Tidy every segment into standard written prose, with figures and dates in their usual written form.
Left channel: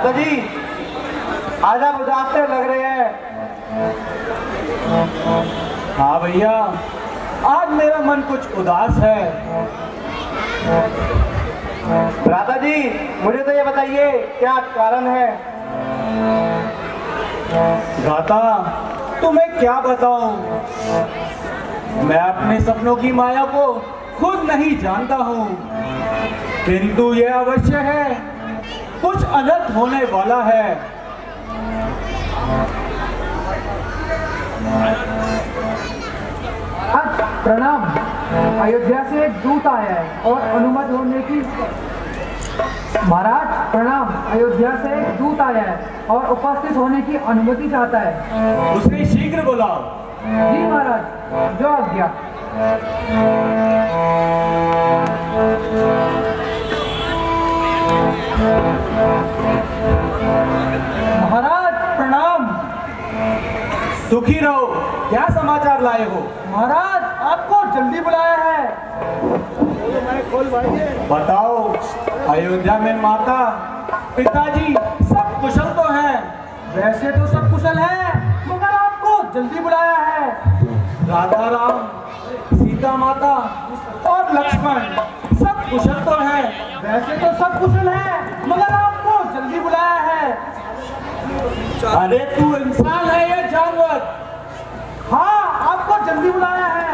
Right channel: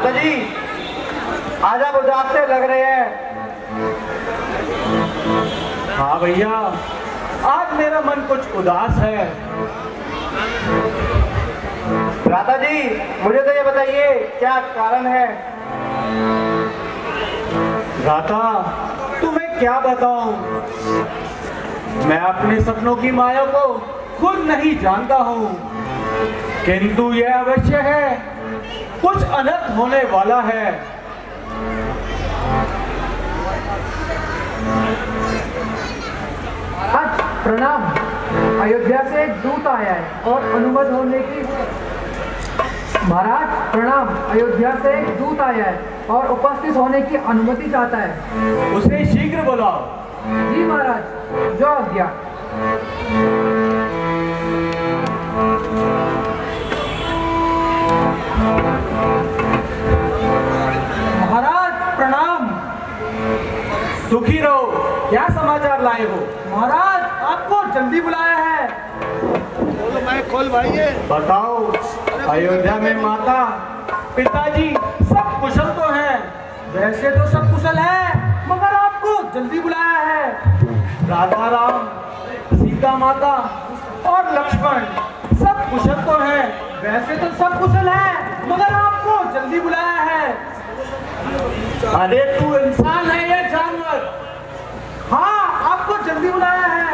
भ्राता जी, आज आप उदास से लग रहे हैं। हाँ भैया, आज मेरा मन कुछ उदास है। भ्राता जी, मुझे तो ये बताइए क्या कारण है। दाता, तुम्हें क्या बताऊं, मैं अपने सपनों की माया को खुद नहीं जानता हूं, किंतु यह अवश्य है कुछ अनर्थ होने वाला है। आज प्रणाम। अयोध्या से एक दूत आया है और अनुमति होने की। महाराज प्रणाम। अयोध्या से एक दूत आया है और उपस्थित होने की अनुमति चाहता है। उसे शीघ्र बुलाओ। जी महाराज, जो आज्ञा। महाराज प्रणाम। सुखी रहो। क्या समाचार लाए हो? महाराज आपको जल्दी बुलाया है। बताओ। अयोध्या में माता पिताजी सब कुशल तो हैं? वैसे तो सब कुशल है, मगर आपको जल्दी बुलाया है। राधा राम, सीता माता और लक्ष्मण सब कुशल तो हैं? वैसे तो सब कुशल है, मगर आपको जल्दी बुलाया है। अरे तू इंसान है या जानवर? हाँ, आपको जल्दी बुलाया है।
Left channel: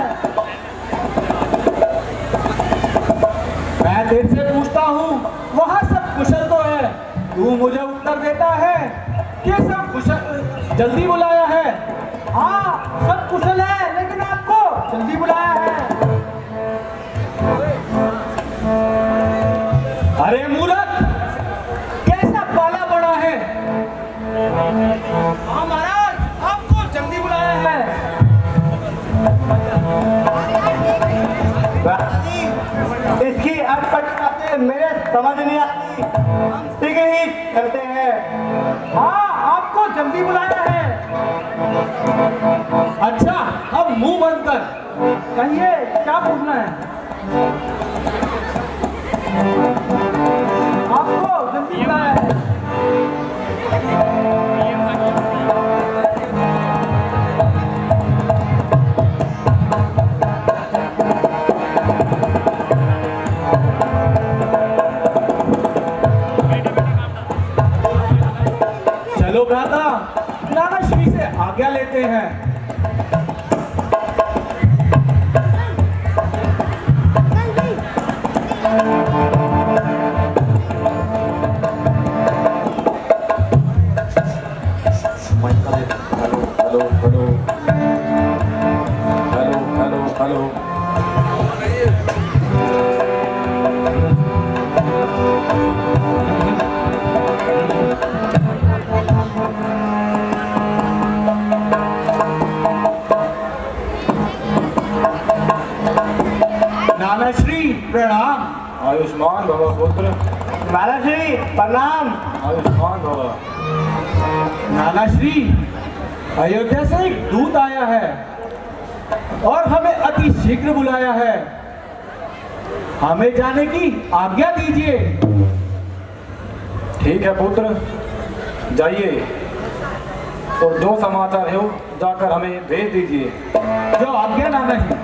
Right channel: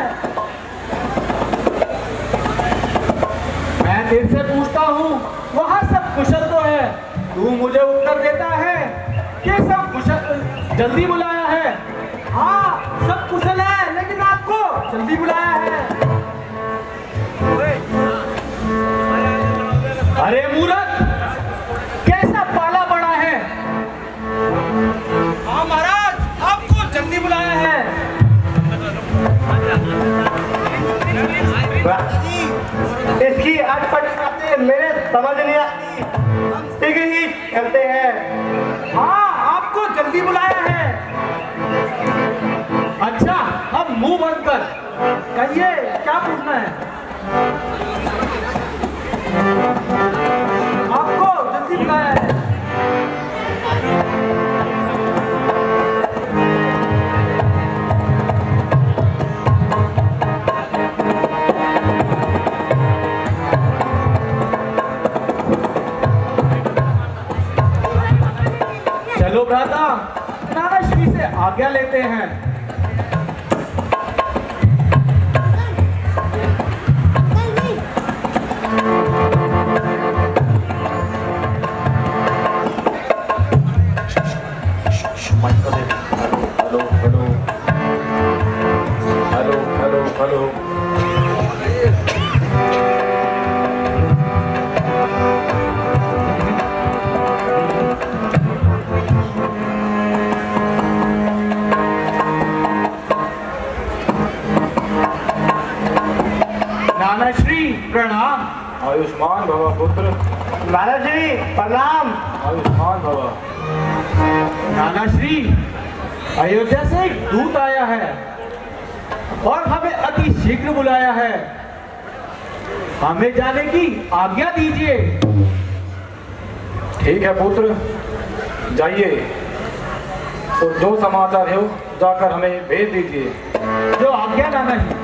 मैं तेरे से पूछता हूँ, वहाँ सब कुशल तो है, तू मुझे उत्तर देता है कि सब कुशल, जल्दी बुलाया है। हाँ, सब कुशल है, लेकिन आपको जल्दी बुलाया है। अरे मूर्ख, कैसा पाला पड़ा है? हाँ महाराज, आपको जल्दी बुलाया है। भ्राता जी, इसकी अटपट बातें मेरे समझ नहीं आती। ठीक ही करते हैं। हाँ, आपको जल्दी बुलाया है। अच्छा, अब मुंह बंद कर। कहिए, क्या पूछना है? आपको जल्दी बुलाया है। चलो भ्राता, नाना श्री से आज्ञा लेते हैं। हेलो। नाना श्री प्रणाम। आयुष्मान भव पुत्र। भ्राता जी प्रणाम। आयुष्मान भव। नाना श्री, अयोध्या से एक दूत आया है और हमें अति शीघ्र बुलाया है। हमें जाने की आज्ञा दीजिए। ठीक है पुत्र, जाइए, तो जो समाचार है जाकर हमें भेज दीजिए। जो आज्ञा नाना जी।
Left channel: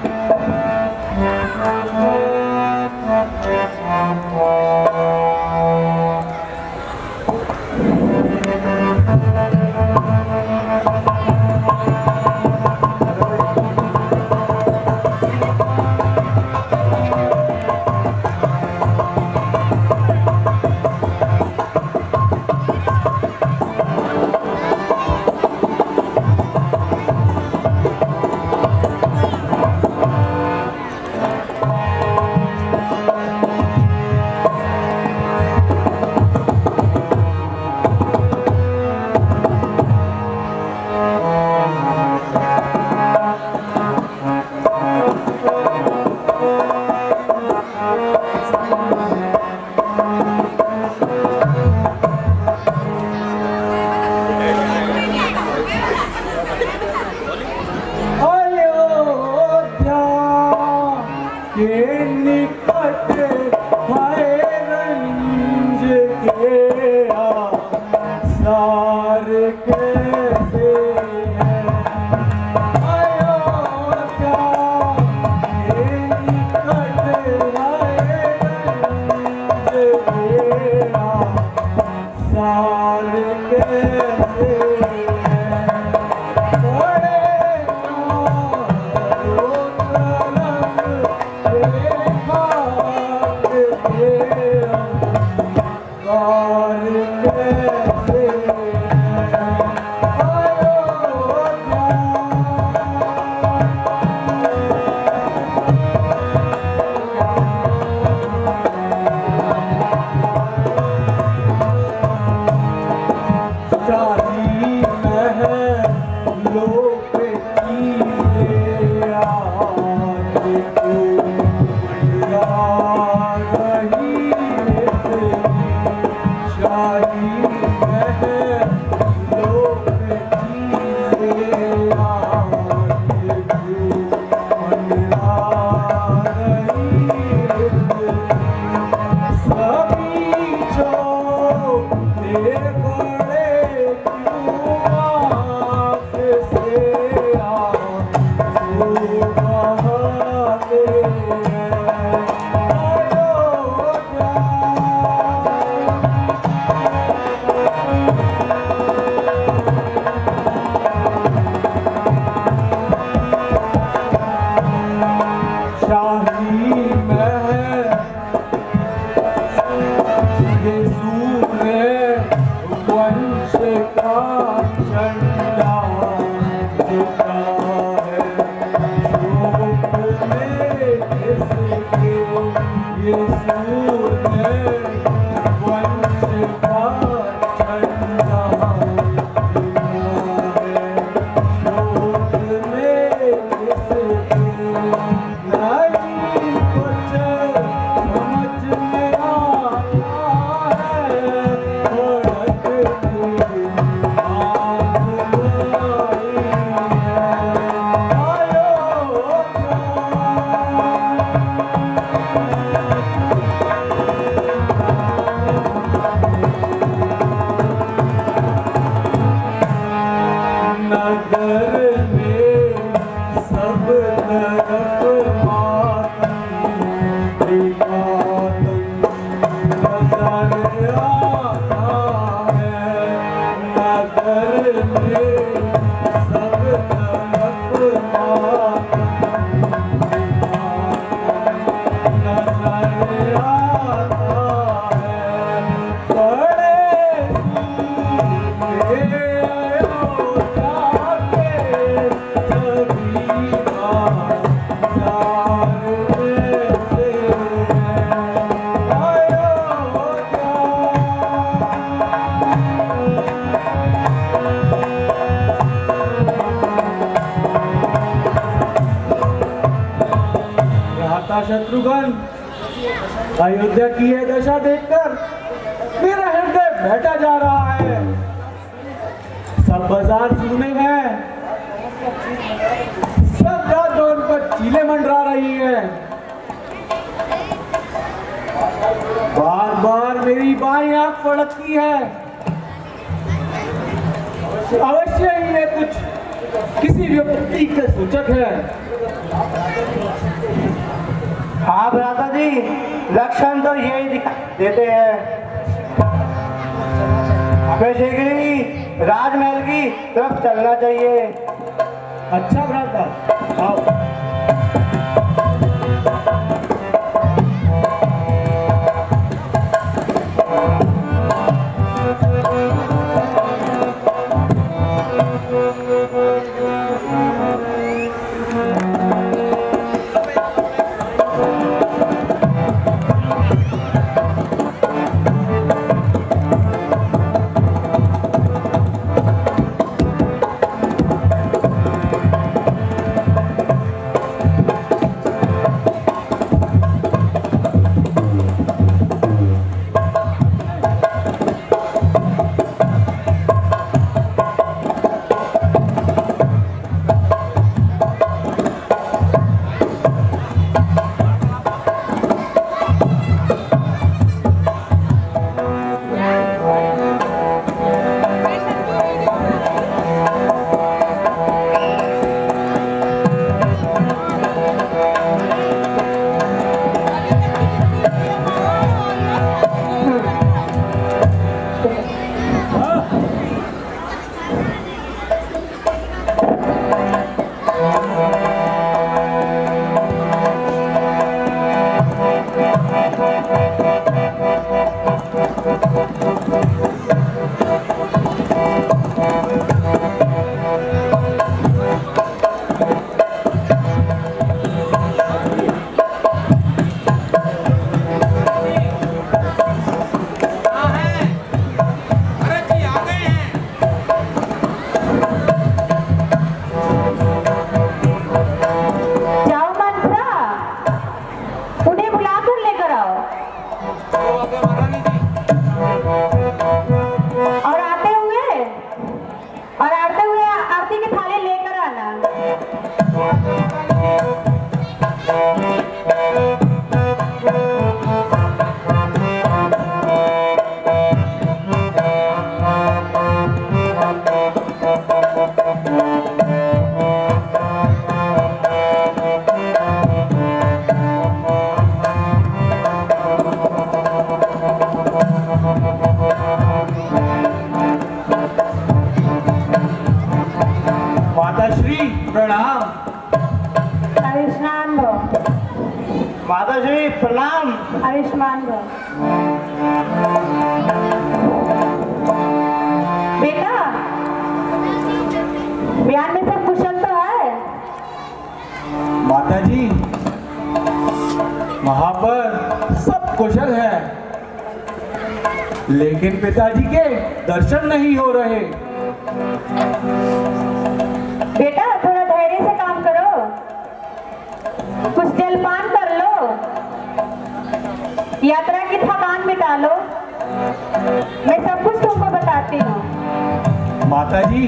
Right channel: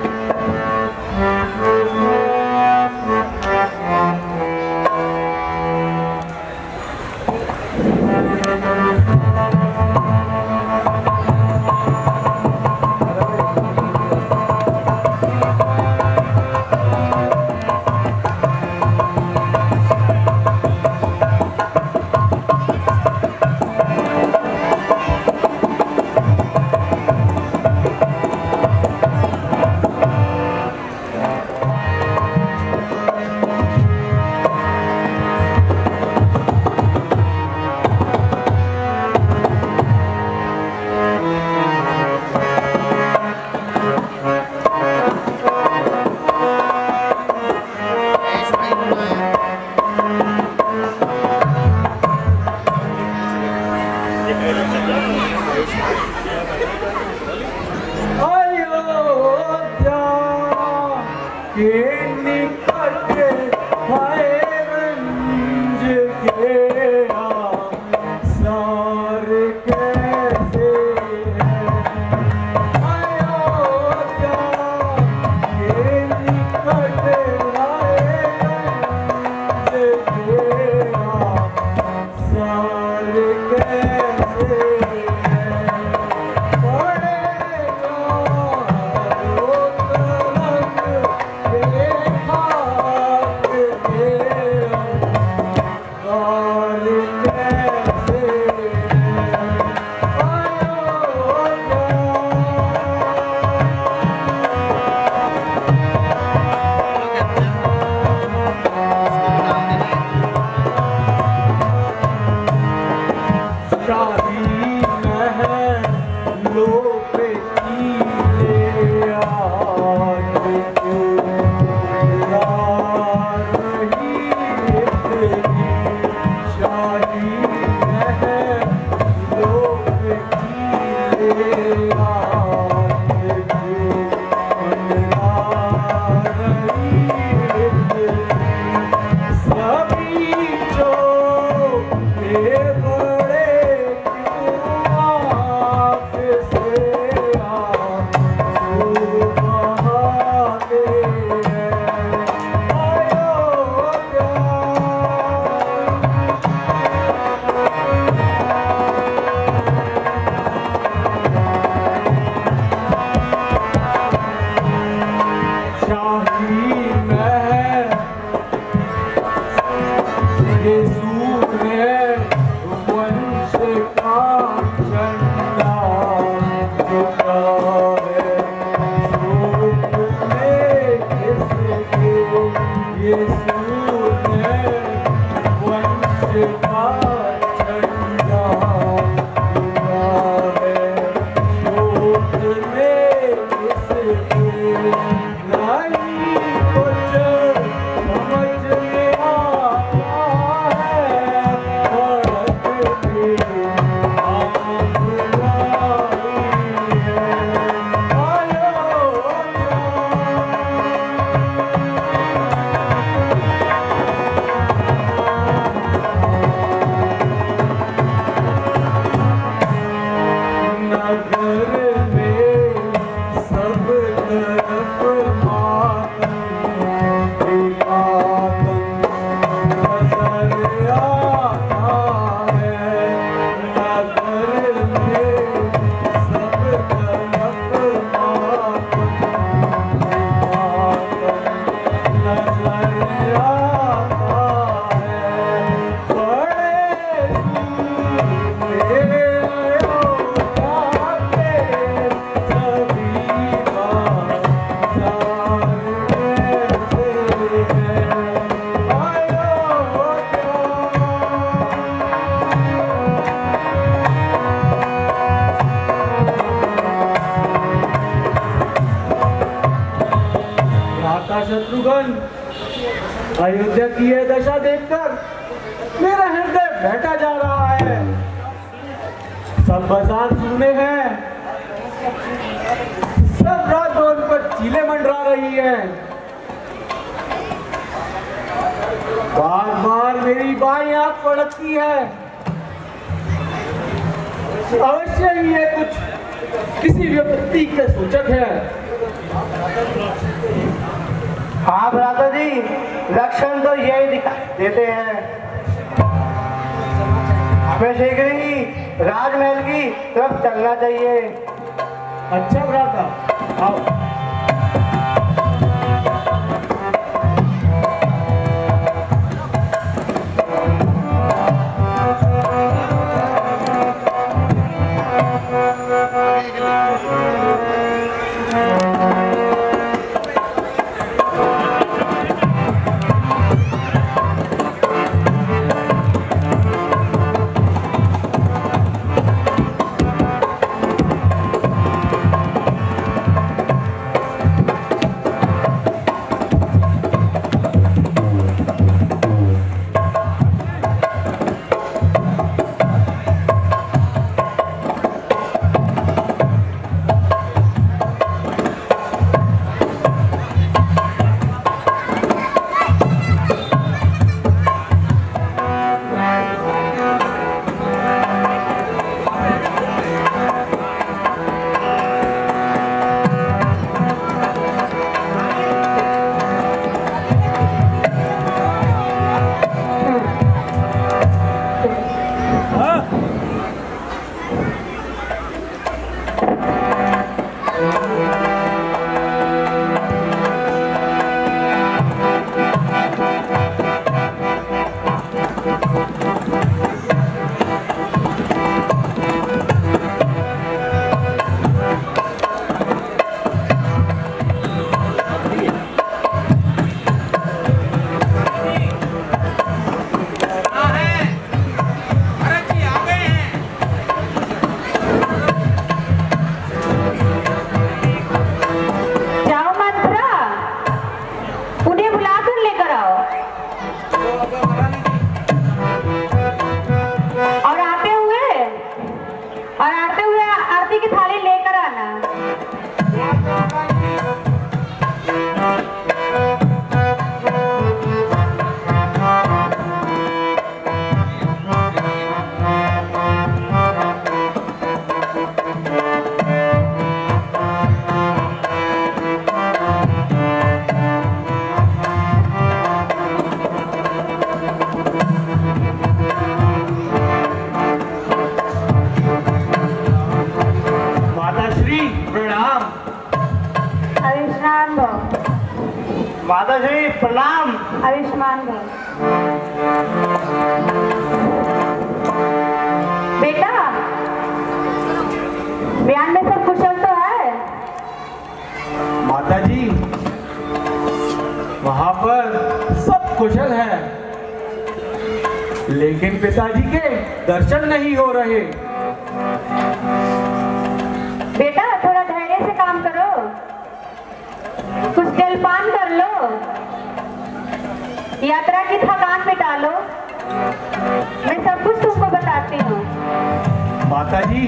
अयोध्या की यह दशा देखकर मेरा हृदय बैठा जा रहा है। सब बाजार सुने हैं, सब रात रोड पर चीले मंडरा रही है। बार बार मेरी बाईं आंख फड़कती है। अवश्य ही ये कुछ किसी विपत्ति के सूचक है। हाँ भ्राता जी, लक्षण तो यही दिखाई देते हैं। हमें शीघ्र ही राजमहल की तरफ चलना चाहिए। अच्छा भ्राता, आओ। और आते हुए आरती की थाली लेकर आना। माताश्री प्रणाम। आयुष्मान भव। माताश्री प्रणाम। आयुष्मान भव। बेटा, बयान में सब कुशल तो है? माताजी, वहां पर सब कुशल है, लेकिन पिताजी के दर्शन नहीं हो रहे। बेटा, थोड़ा धैर्य से काम करो, कुछ जलपान कर लो, यात्रा की थकान मिटा लो। मैं सब कुछ तुमको बताती हूँ। माताजी,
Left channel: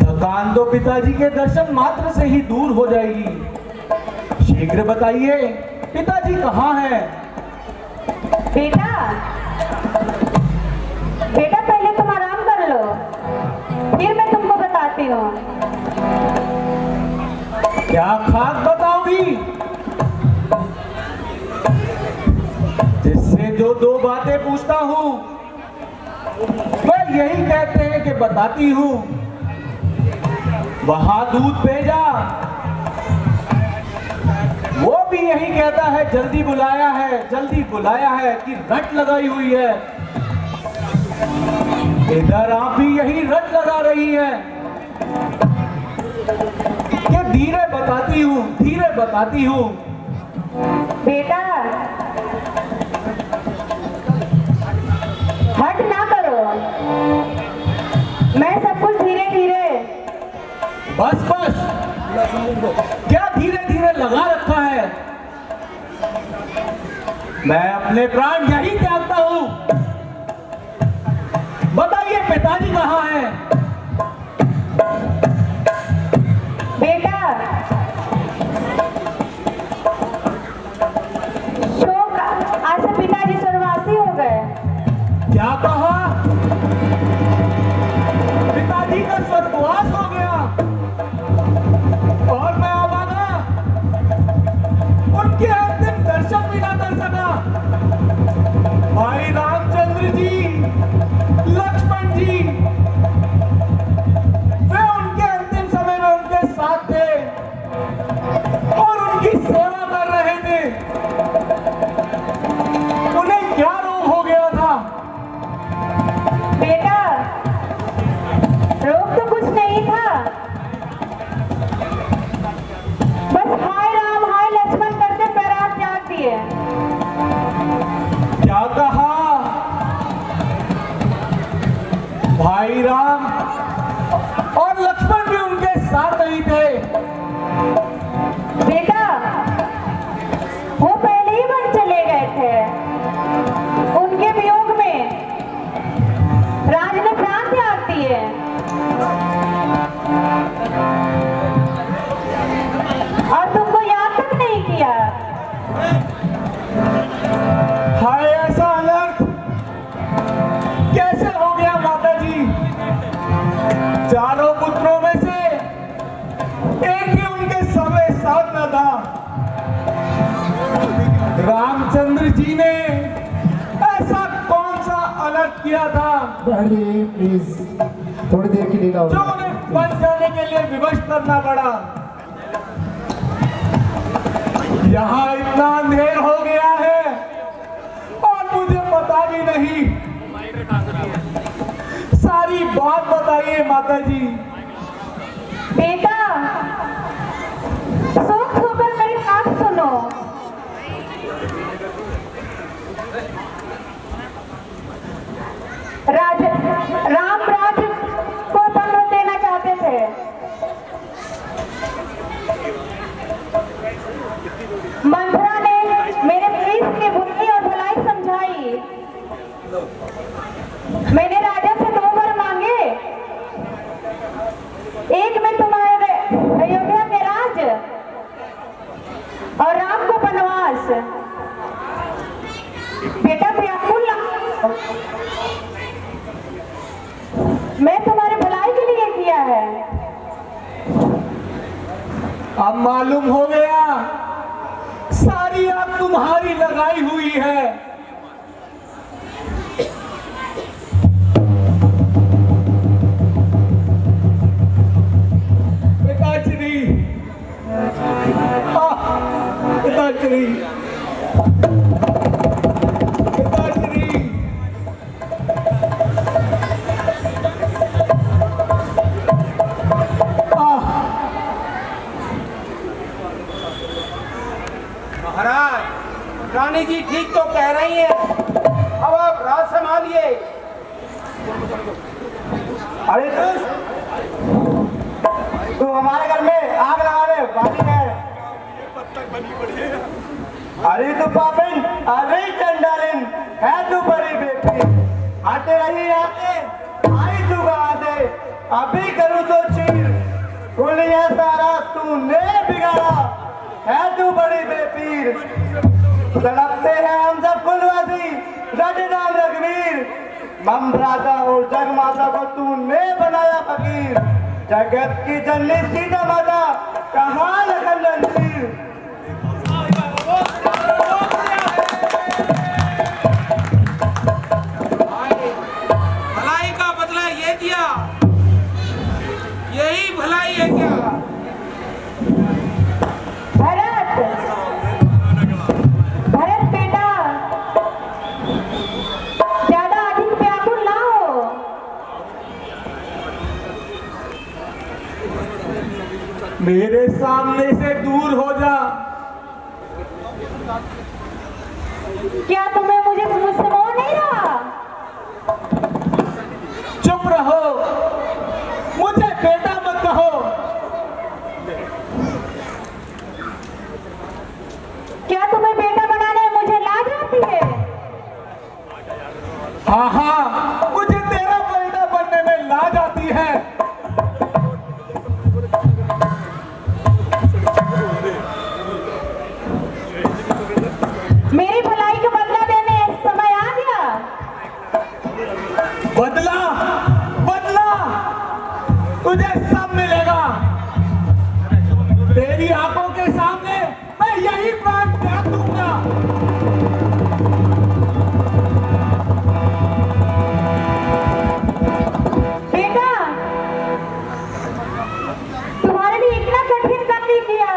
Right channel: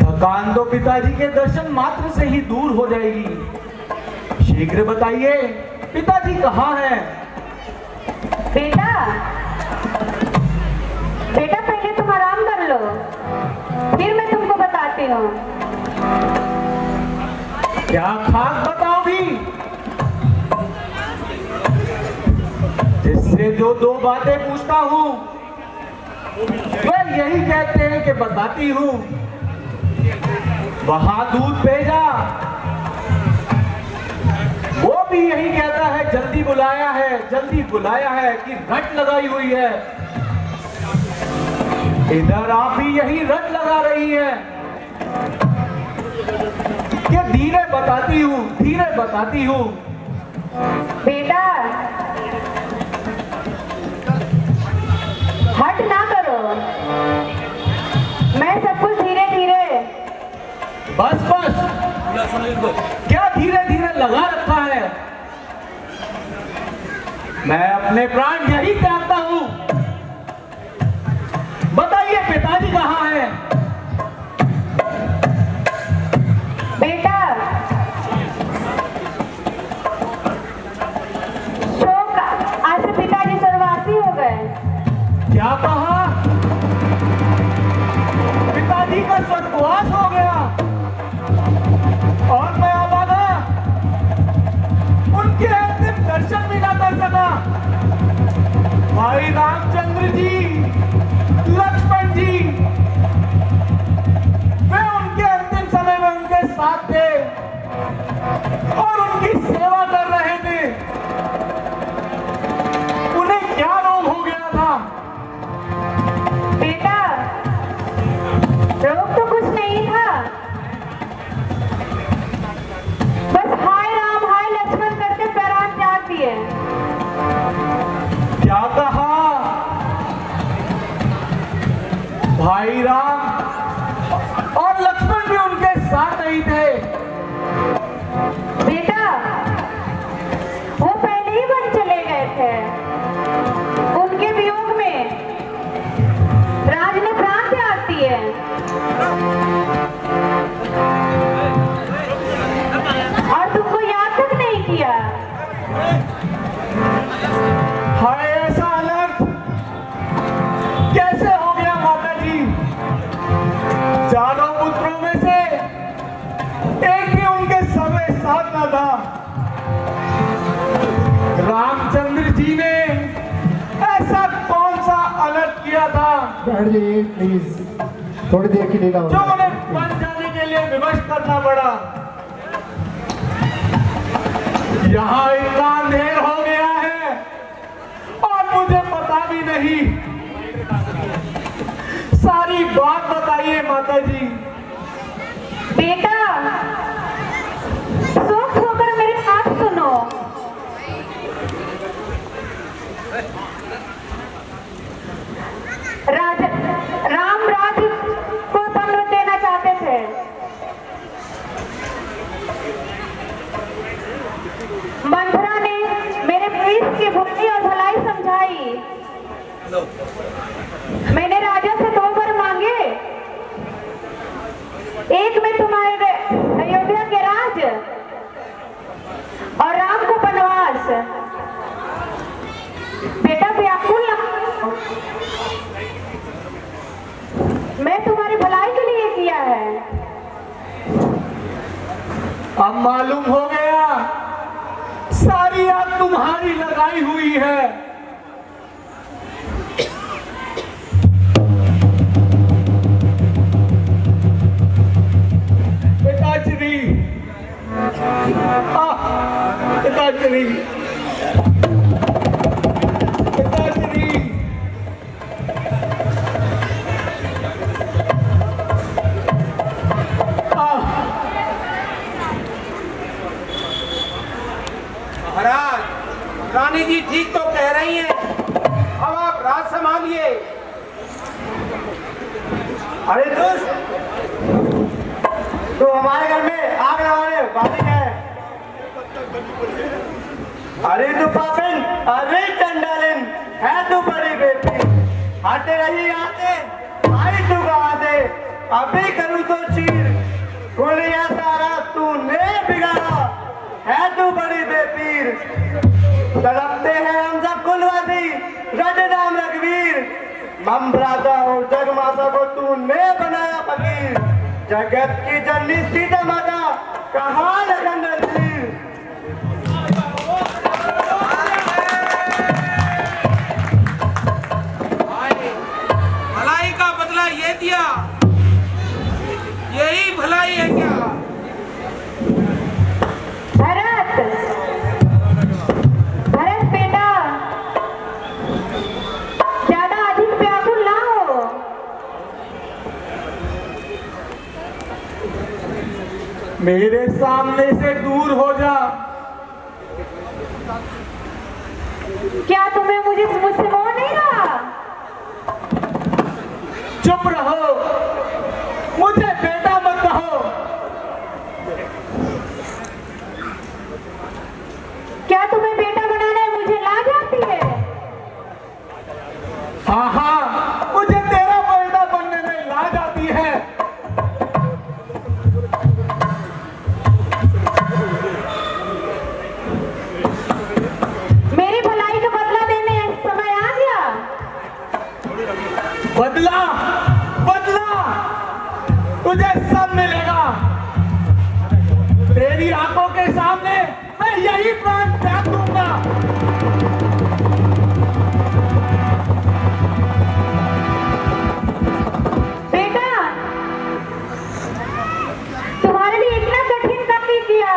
थकान तो पिताजी के दर्शन मात्र से ही दूर हो जाएगी। शीघ्र बताइए, पिताजी कहाँ हैं? बेटा, बेटा पहले तुम आराम कर लो, फिर मैं तुमको बताती हूँ। क्या खास बताओगी? जिससे जो दो बातें पूछता हूँ वह यही कहते हैं कि बताती हूँ। वहां दूध भेजा, वो भी यही कहता है जल्दी बुलाया है, जल्दी बुलाया है कि रट लगाई हुई है। इधर आप भी यही रट लगा रही है कि धीरे बताती हूँ, धीरे बताती हूँ। बेटा, हट ना करो, मैं सब कुछ धीरे धीरे। बस बस, क्या धीरे धीरे लगा रखा है? मैं अपने प्राण यही त्यागता हूँ। बताइए, पिताजी कहाँ हैं? बेटा, शोक आज से पिताजी स्वर्गवासी हो गए। क्या कहा? पिताजी का स्वर्गवास हो गया और मैं अभागा उनके अंतिम दर्शन भी ना कर सका। भाई रामचंद्र जी, लक्ष्मण जी, वे उनके अंतिम समय में उनके साथ थे और उनकी सेवा कर रहे थे। उन्हें क्या रोग हो गया था? बेटा, रोग तो कुछ नहीं था, बस हाय राम हाय लक्ष्मण करके पैराज त्याग दिए। क्या कहा? भाई राम और लक्ष्मण भी उनके साथ नहीं थे। बेटा, वो पहले ही वन चले गए थे। उनके वियोग में राज ने प्राण त्याग दिए। और तुमको याद तक नहीं किया। हाय, ऐसा अलग कैसे हो गया माता जी? चारों पुत्रों में से एक भी उनके समय साथ न था। रामचंद्र जी ने ऐसा कौन सा अलग किया था जी प्लीज थोड़ी देर की लीला जो उन्हें बन जाने के लिए विवश करना पड़ा? यहाँ इतना अंधेर हो गया है और मुझे पता भी नहीं। सारी बात बताइए माता जी। बेटा, सोच होकर मेरी बात सुनो। राम राज्य को दंड देना चाहते थे। मंथरा ने मेरे विष के मैंने राजा से 2 वर मांगे, एक में तुम्हारे अयोध्या के राज और राम को वनवास। बेटा व्याकुल ना, मैं तुम्हारी भलाई के लिए किया है। अब मालूम हो गया सारी आग तुम्हारी लगाई हुई है। पिताश्री, पिताश्री, पिताश्री, महाराज, रानी जी ठीक तो कह रही हैं। अब आप राज संभालिए। अरे तू हमारे घर में आग लगाने वाली है। अरे तू पापिन, अरे चंडालिन है तू बड़ी बेटी। हटे रही आते, आई तू कहाँ से? अभी करूँ तो चीर, गोलियां सारा तूने बिगाड़ा है तू बड़ी बेपीर। तड़पते हैं हम सब कुलवासी, रट नाम रघुवीर। ममराता और जग माता को तूने बनाया फकीर। जगत की जननी सीता माता कहाँ लगन रणधीर। भलाई का बदला ये दिया, यही भलाई है क्या? भरत, भरत बेटा, ज्यादा अधिक व्याकुल ना हो। मेरे सामने से दूर हो जा। क्या तुम्हें मुझसे मोह नहीं रहा? चुप रहो, मुझे बेटा मत कहो। क्या तुम्हें बेटा बनाने में मुझे लाज आती है? हाँ हाँ, मुझे तेरा बेटा बनने में लाज आती है। मेरी भलाई का बदला देने समय आ गया। बदला, बदला तुझे सब मिलेगा। तेरी आंखों के सामने मैं यही प्राण त्याग दूंगा। बेटा, तुम्हारे लिए इतना कठिन काम नहीं किया।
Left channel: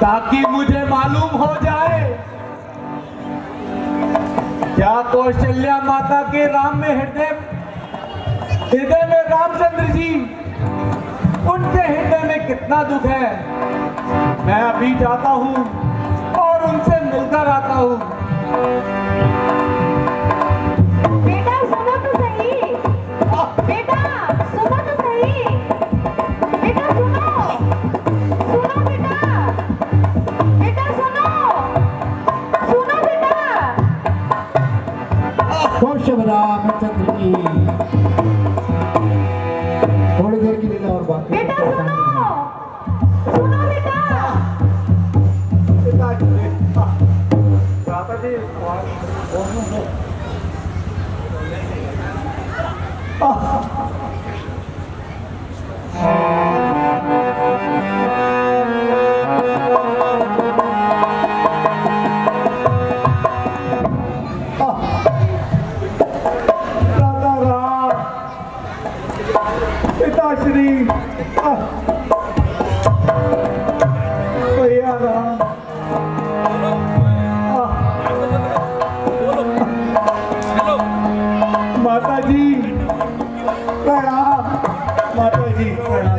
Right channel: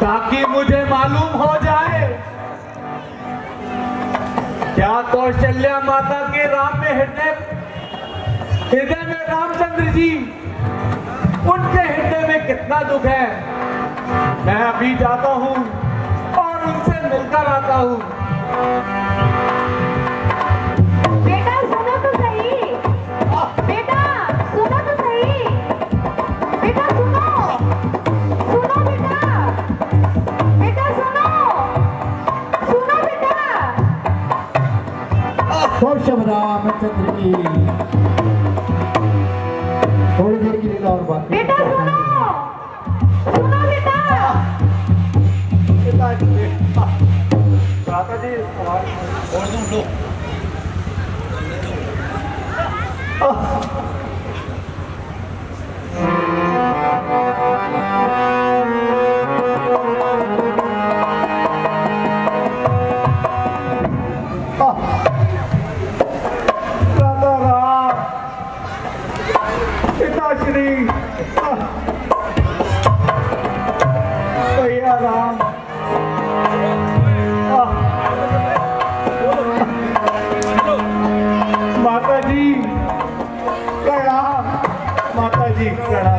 ताकि मुझे मालूम हो जाए क्या कौशल्या माता के राम में हृदय में रामचंद्र जी, उनके हृदय में कितना दुख है। मैं अभी जाता हूँ और उनसे मिलकर आता हूँ। बेटा सुनो तो सही, बेटा सुनो तो सही, बेटा सुनो, सुनो बेटा, बेटा सुनो, सुनो बेटा। कौशल रामचंद्र की थोड़ी देर की लीला और बाकी बेटा सुनो, सुनो बेटा। पिताश्री, भैया राम, माता जी प्रणाम, माता जी प्रणाम।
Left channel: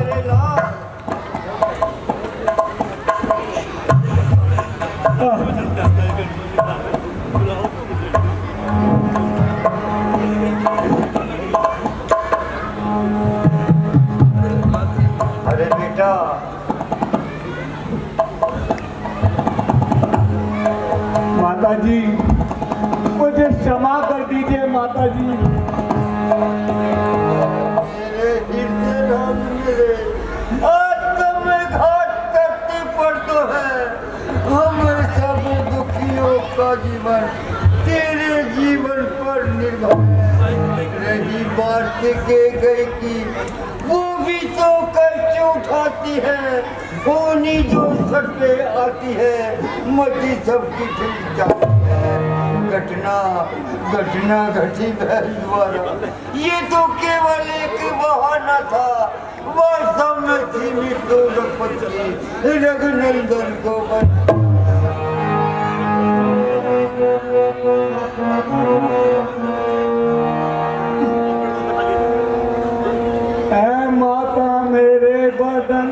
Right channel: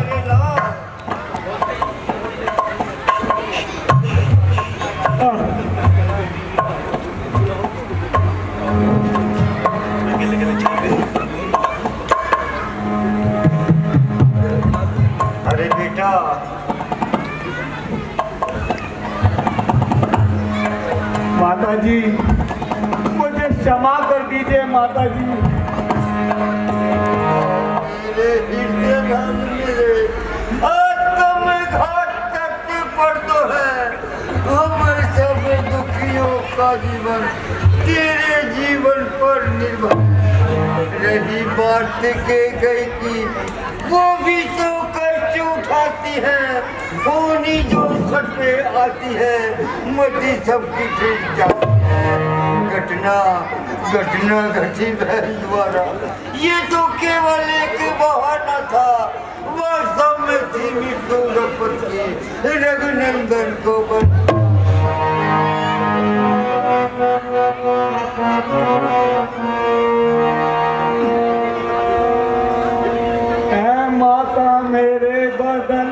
अरे बेटा, जी, मुझे क्षमा कर दीजिए माता जी। मेरे हृदय राम मेरे, आज तुम घाट पर तो है। हम सब दुखियों का जीवन तेरे जीवन पर निर्भर है। रही बात के गई की, वो भी तो कष्ट उठाती है। होनी जो सटे आती है, मती सबकी फिर जाती है। घटना घटी बहन द्वारा, ये तो केवल एक बहाना था। वास्तव में थी मृत्यु रघुपति रघुनंदन को ऐ माता मेरे बदन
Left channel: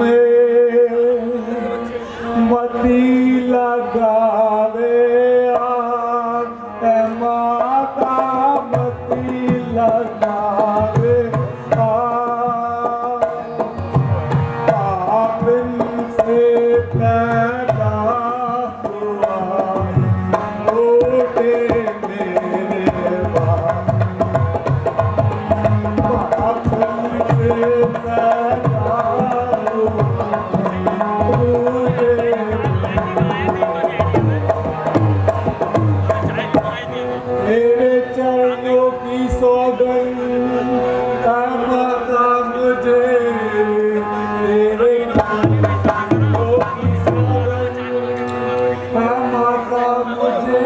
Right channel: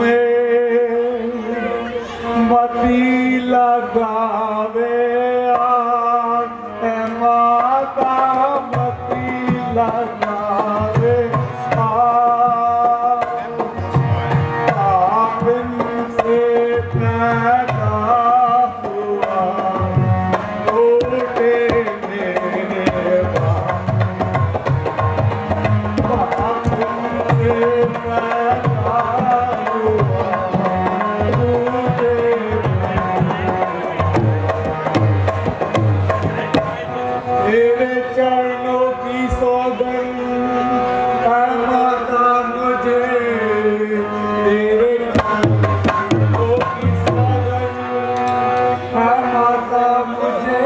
में मती लगावे आग। ऐ माता मती लगावे आग। पावन से पैदा हुआ टूटे मेरे बाप। मेरे चरणों की सौगंध माता मुझे, तेरे चरणों की सौगंध माता मुझे।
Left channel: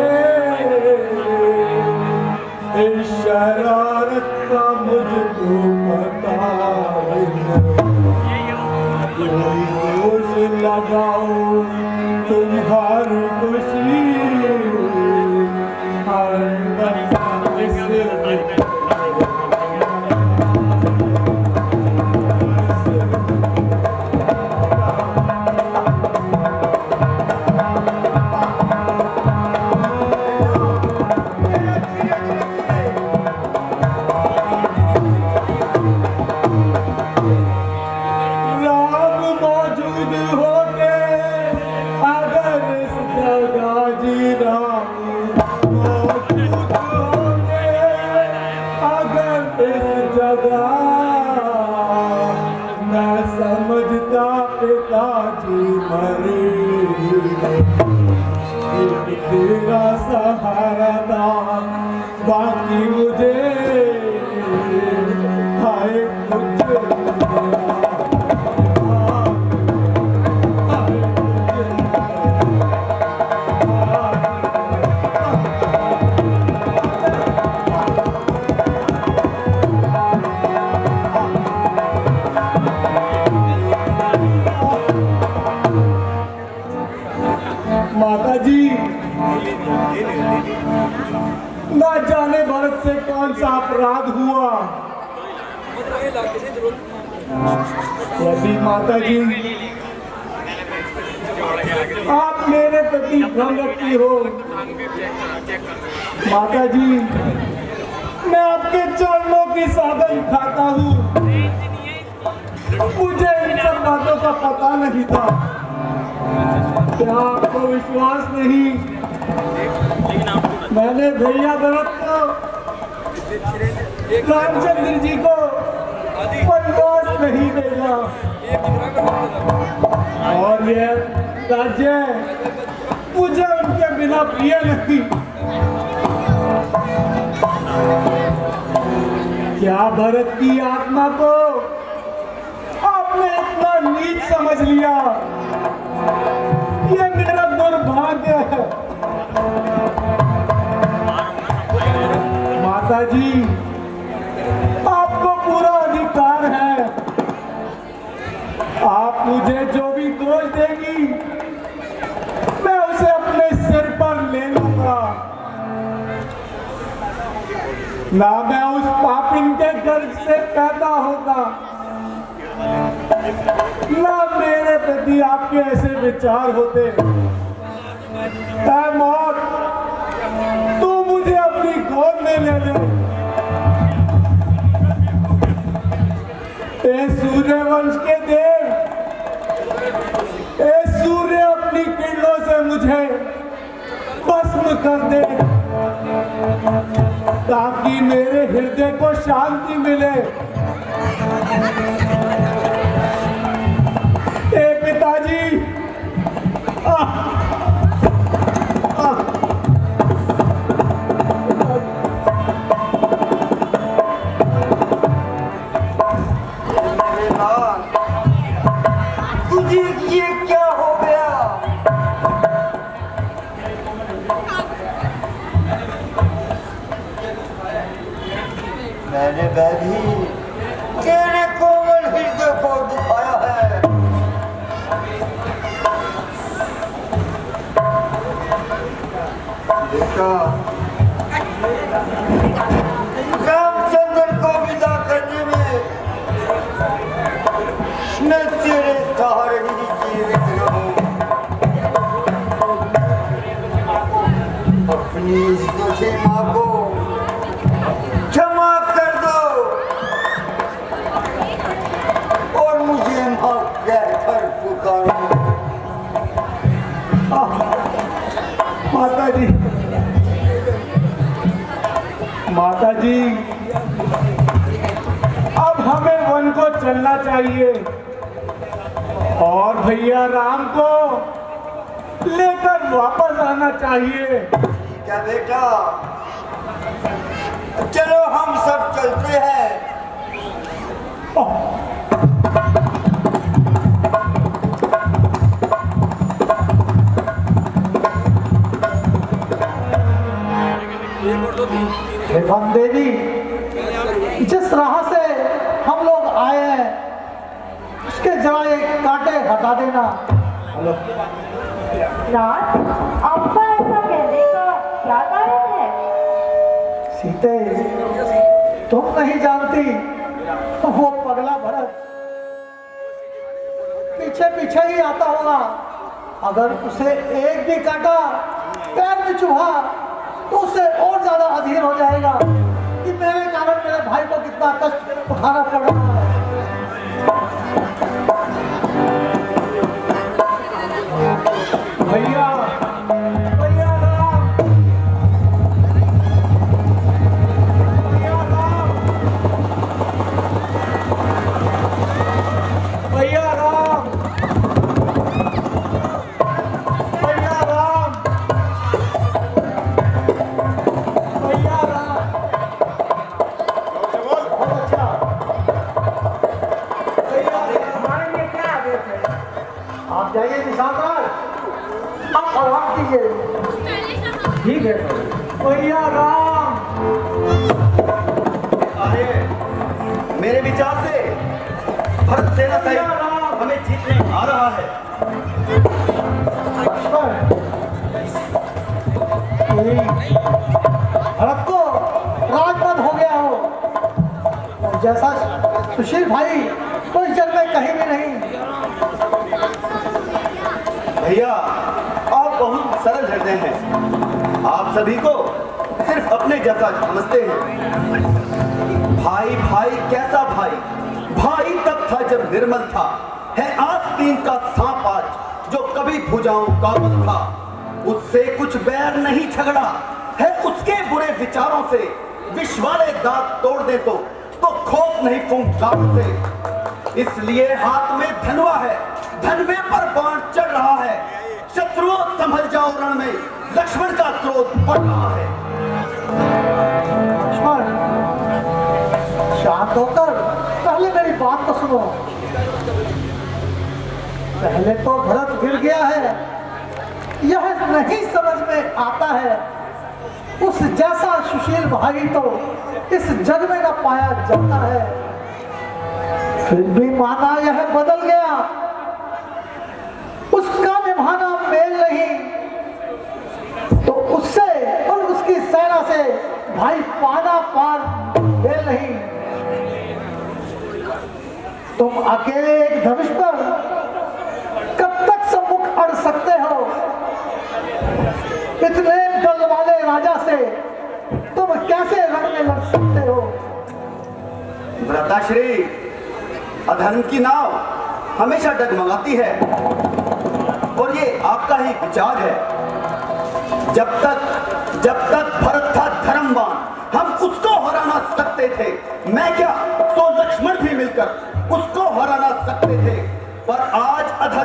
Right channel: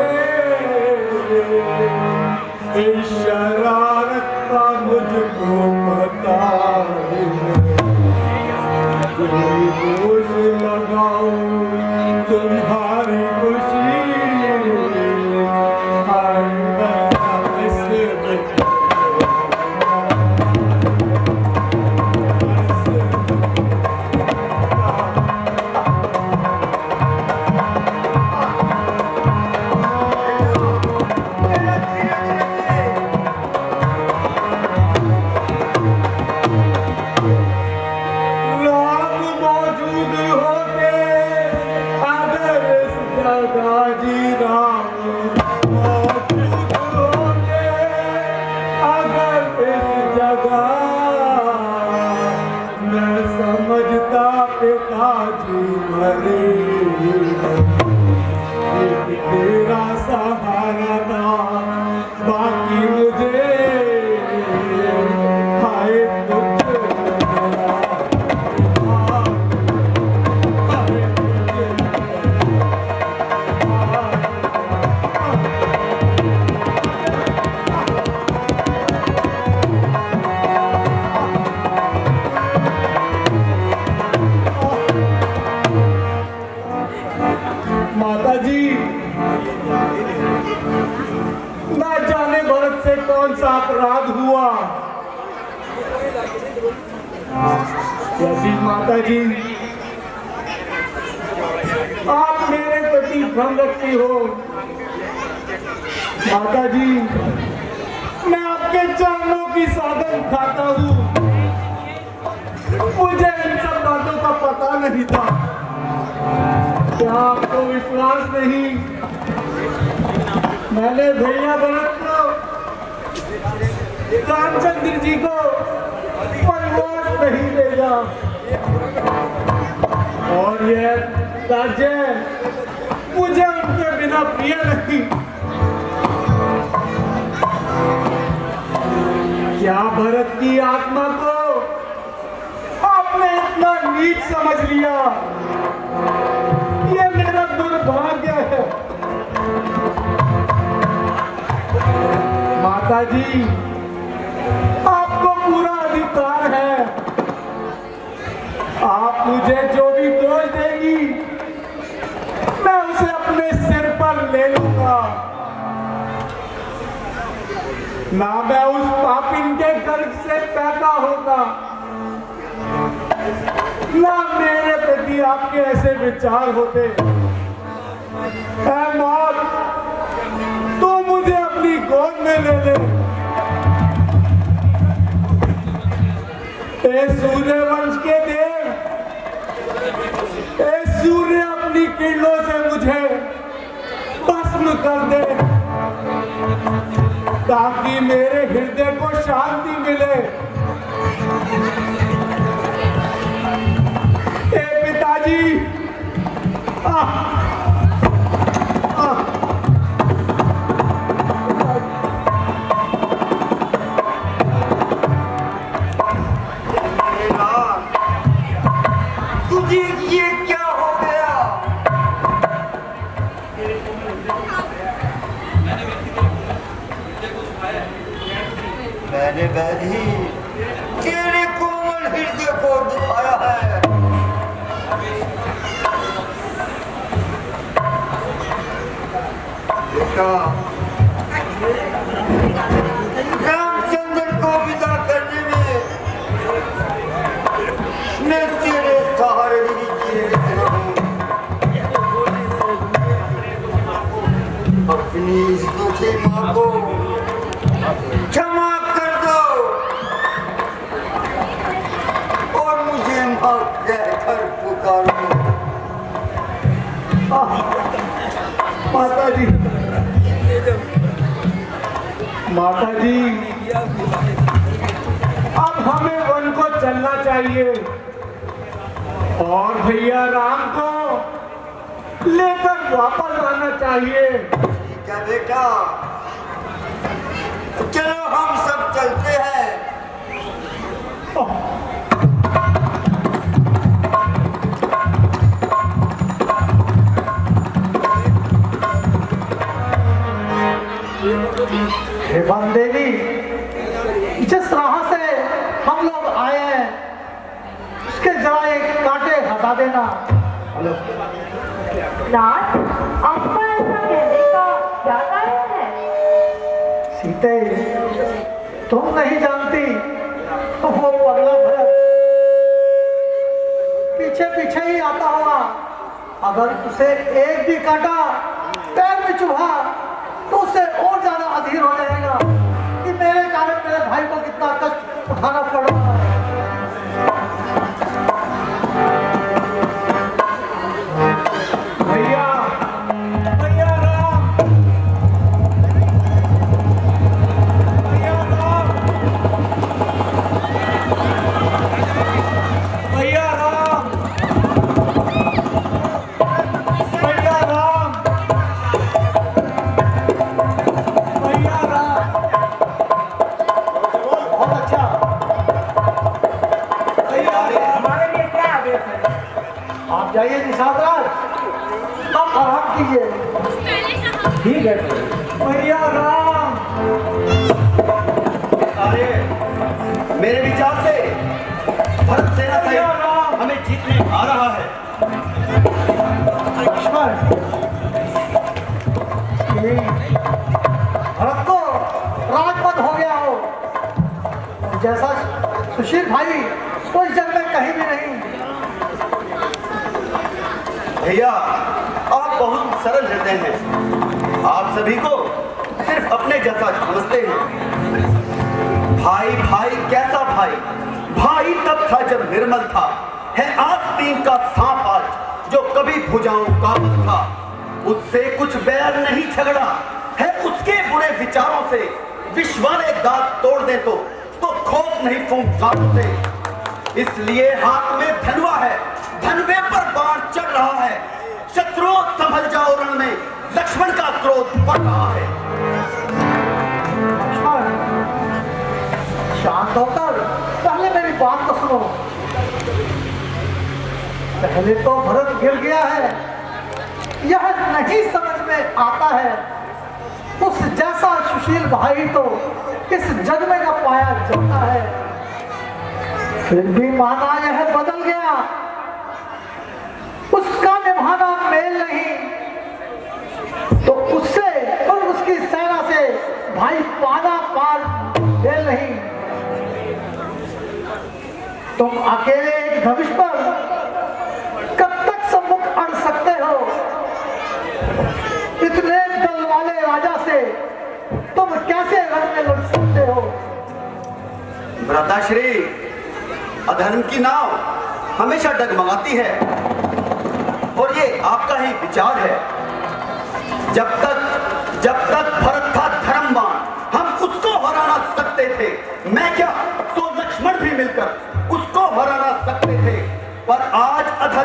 इस शरारत का मुझको पता है। कोई दोष लगाओ तुम्हारी खुशी, राम मौजूद होते अगर इस जगह, जी राम मौजूद होते अगर इस जगह, मैं समझता पिताजी मरे। एक तेरा सहारा था, बाकी मुझे हाय कुछ मेरा। माता जी, ना जाने भरत से कौन सा अपराध हुआ। यदि माता जी आप मेरे प्रति भ्रम रखती हो, माता जी मैं आपके चरणों की सौगंध खाता हूँ। मुझे इन सब बातों का पता नहीं था। क्या आपको विश्वास नहीं? मैंने भैया भरत को, रामचंद्र जी को वनवास नहीं भेजा, और यह राज्य मुझे उनके बिना प्रिय नहीं। क्या भरत की आत्मा को आपने इतना नीच समझ लिया? ये मेरा दुर्भाग्य है। माता जी आपको पूरा अधिकार है, आप मुझे जो भी दोष देगी मैं उसे अपने सिर पर ले लूंगा। ना मैं उस पापिन के गर्भ से पैदा होगा, ना मेरे प्रति आपके ऐसे विचार होते। ऐ मौत, तू मुझे अपनी गोद में ले ले। ए सूर्यवंश के देव, ए सूर्य अपनी किरणों से मुझे ताकि मेरे हृदय को शांति मिले। ए पिताजी, तुझे ये क्या हो गया? मैंने बैधी तेरे कोमल हृदय को दुखाया है। बेटा, रामचंद्र को विदा करने में मैं तेरे सहारे ही जीवित रहूं। अपनी इस दुखी माँ को क्षमा कर दो और मुझे माँ कहकर पुकारो। माता जी, माता जी, अब हमें वन को चलना चाहिए और भैया राम को लेकर वापस आना चाहिए। ठीक है बेटा, चलो हम सब चलते हैं। हे वन देवी, जिस राह से हम लोग आए हैं उसके जरा एक कांटे हटा देना। नाथ, आपका ऐसा कहने का क्या कारण है? सीते, तुम नहीं जानती तो वो पगला भरत पीछे पीछे ही आता होगा। अगर उसे एक भी कांटा पैर में चुभा तो उसे और ज्यादा अधीर हो जाएगा कि मेरे कारण मेरे भाई को कितना कष्ट उठाना पड़ रहा है। भैया, भैया राम, भैया राम, भैया राम, भैया राम, भैया राम। बहुत अच्छा, भैया राम, हमारे लिए क्या आदेश है? आप जाइए निशांतराज, आप आराम कीजिए। ठीक है भैया राम। अरे मेरे विचार से भरत सेना भैया राम, हमें जीतने आ रहा है। ईश्वर, यही भरत को राजपद हो गया हो और जैसा सुशील भाई तो इस जग में कहीं भी नहीं। भैया, आप बहुत सरल हृदय हैं। आप सभी को सिर्फ अपने जैसा समझते हैं। भाई भाई कैसा भाई? भाई तब था जब निर्मल था, है आस्तीन का सांप आज जो कभी भुजाओं का बल था। उससे कुछ बैर नहीं झगड़ा है, उसके बुरे विचारों से विष वाले दांत तोड़ दे तो खौफ नहीं फूंक से। इसलिए हाथ में धनुआ है, धनुए पर बाण चढ़ रहा है। शत्रुओं संभल जाओ, रण में लक्ष्मण का क्रोध बढ़ रहा है। लक्ष्मण, शांत होकर पहले मेरी बात तो सुनो। पहले तो भरत गिर गया है, यह नहीं समझ में आता है उस जैसा सुशील भाई तो इस जग में न पाया जाता है। फिर भी माना यह बदल गया, उसका निभाना मेल नहीं तो उससे और उसकी सेना से भाई पाना पार दे नहीं। तुम अकेले एक धनुष पर कब तक सम्मुख अड़ सकते हो? इतने दल वाले राजा से तुम कैसे रण में लड़ सकते हो? भ्राताश्री, अधर्म की नाव हमेशा डगमगाती है और ये आपका ही विचार है। जब तक भरत था धर्मवान, हम उसको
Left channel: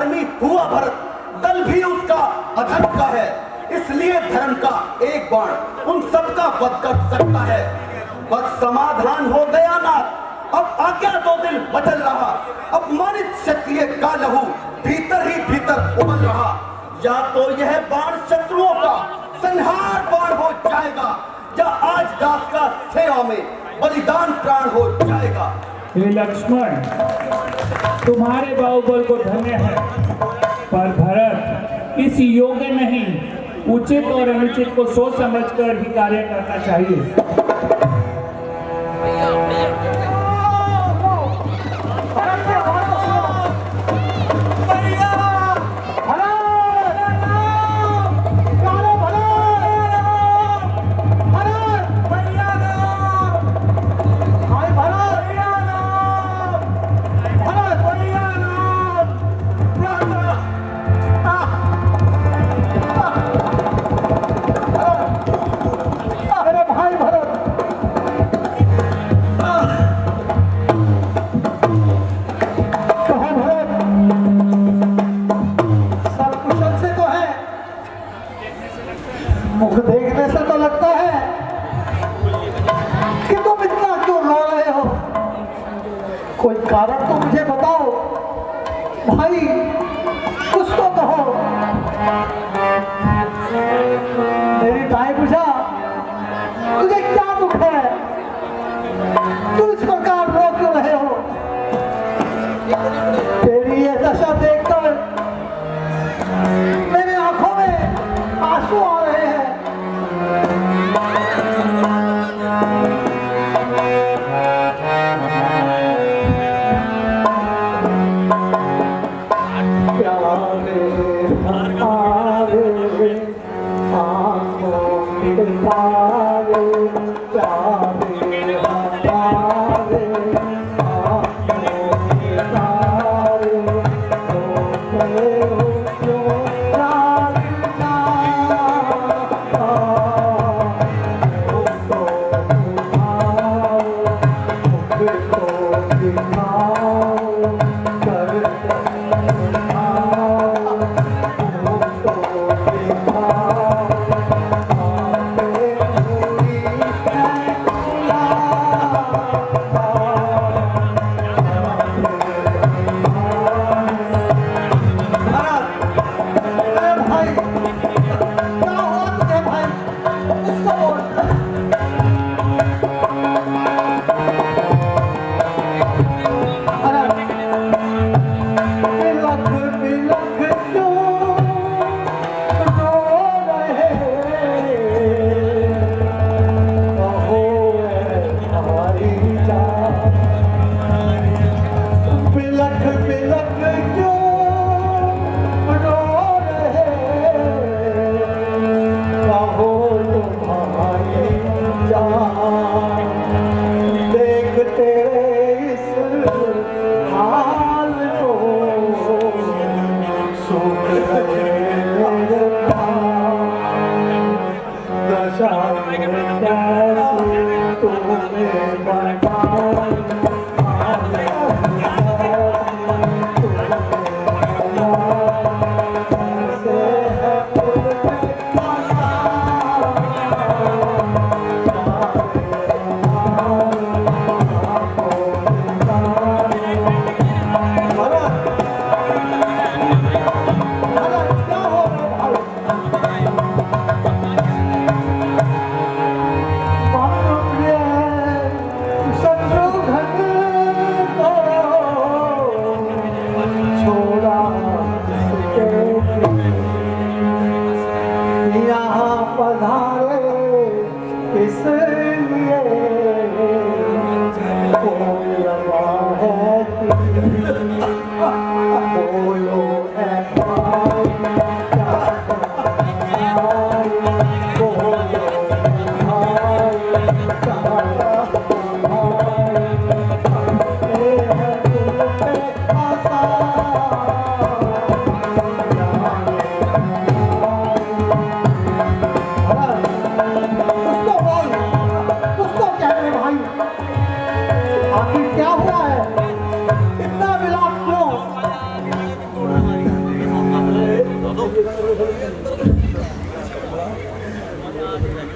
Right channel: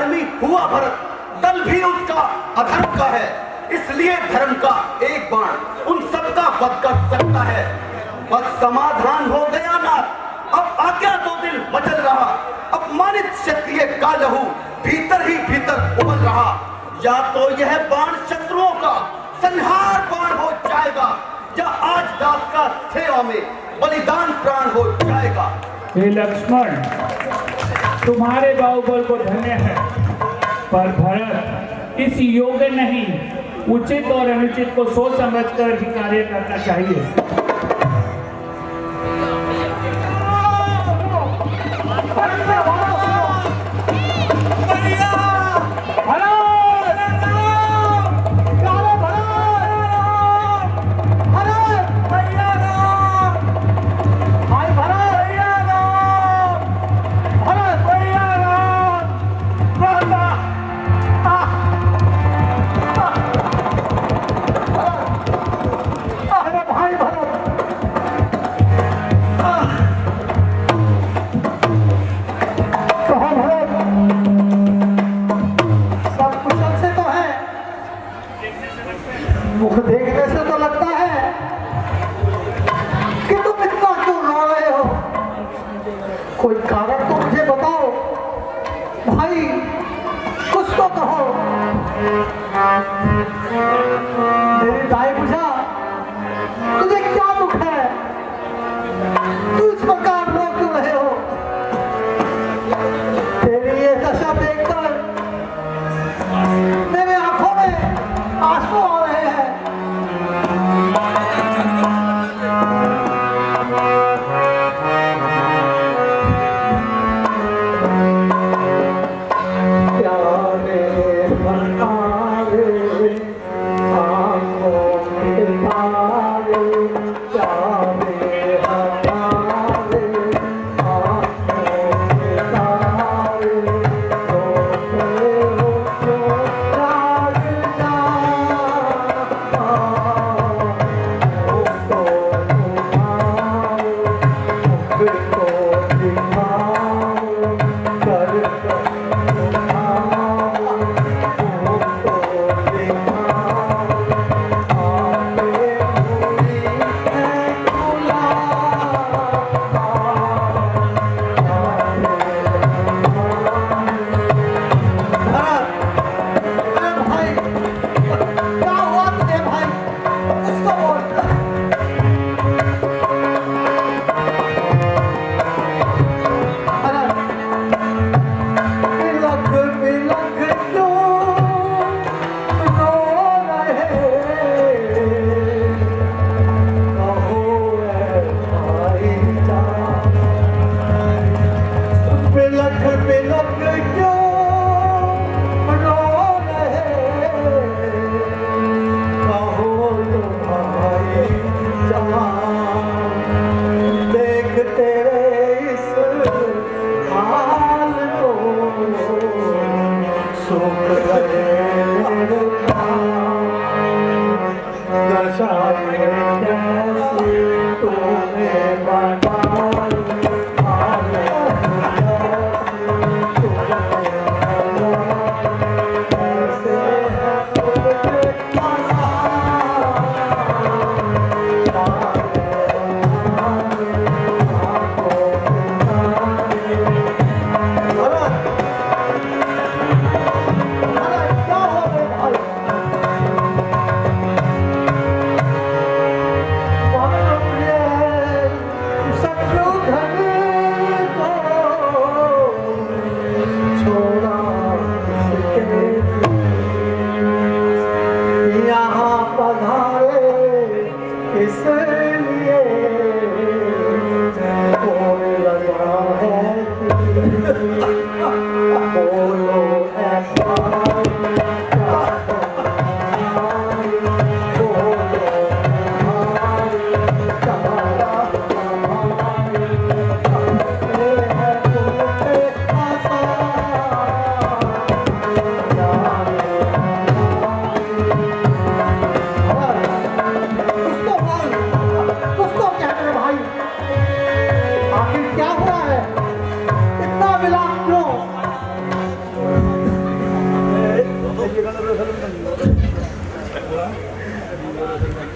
अधर्मी हुआ भरत, दल भी उसका अधर्म का है। इसलिए धर्म का एक बाण उन सबका वध कर सकता है। बस समाधान हो गया ना, अब आज्ञा दो दिल बदल रहा। अपमानित क्षत्रिय का लहू भीतर ही भीतर उबल रहा। या तो यह बाण शत्रुओं का संहार बाण हो जाएगा, या आज दास का सेवा में बलिदान प्राण हो जाएगा। हे लक्ष्मण, तुम्हारे बाहुबल को धन्य है, पर भरत इस योग्य नहीं। उचित और अनुचित को सोच समझकर ही कार्य करना चाहिए। मुख देखने से तो लगता है कि तुम इतना क्यों रो रहे हो। कोई कारण तो मुझे बताओ भाई, कुछ तो कहो। मेरी गाय बुझा, तुझे क्या दुख है? तू इस प्रकार रो क्यों रहे हो? तेरी ये दशा देखकर मेरे आंखों में आंसू आ रहे हैं।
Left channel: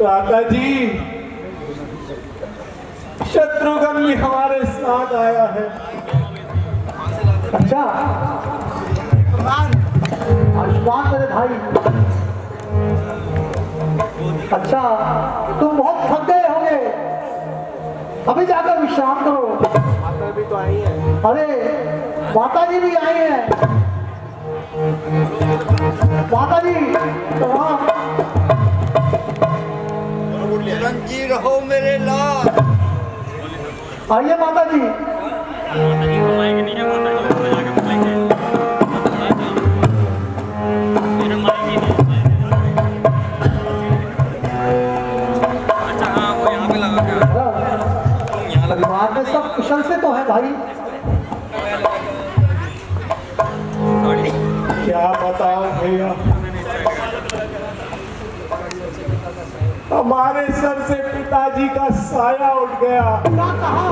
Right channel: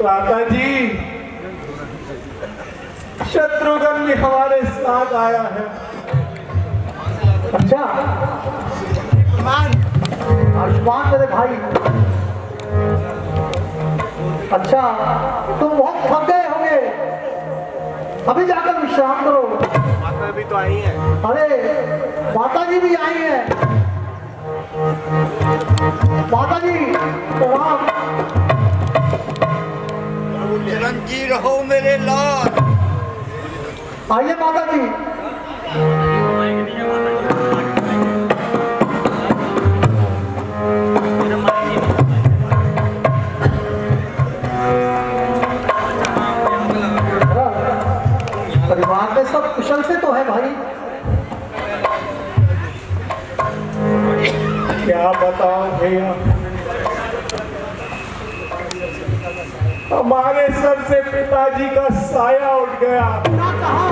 माता जी, शत्रुघ्न भी हमारे साथ आया है। अच्छा, आयुष्मान मेरे भाई। अच्छा, तुम बहुत थक गए होंगे, अभी जाकर विश्राम करो। माता भी तो आई है। अरे माता जी भी आई हैं। माता जी प्रणाम। चिरंजी रहो मेरे लाल। आइए माता जी। परिवार में सब कुशल से तो है भाई? क्या बताऊं भैया, हमारे सर से पिताजी का साया उठ गया। क्या कहा?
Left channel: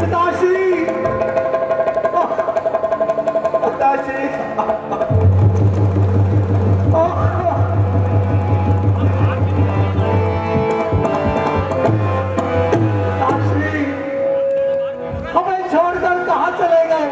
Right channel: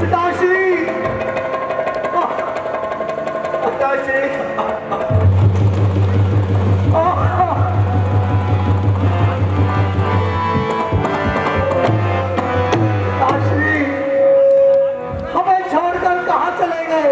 पिताश्री, पिताश्री, पिताश्री, हमें छोड़कर कहाँ चले गए?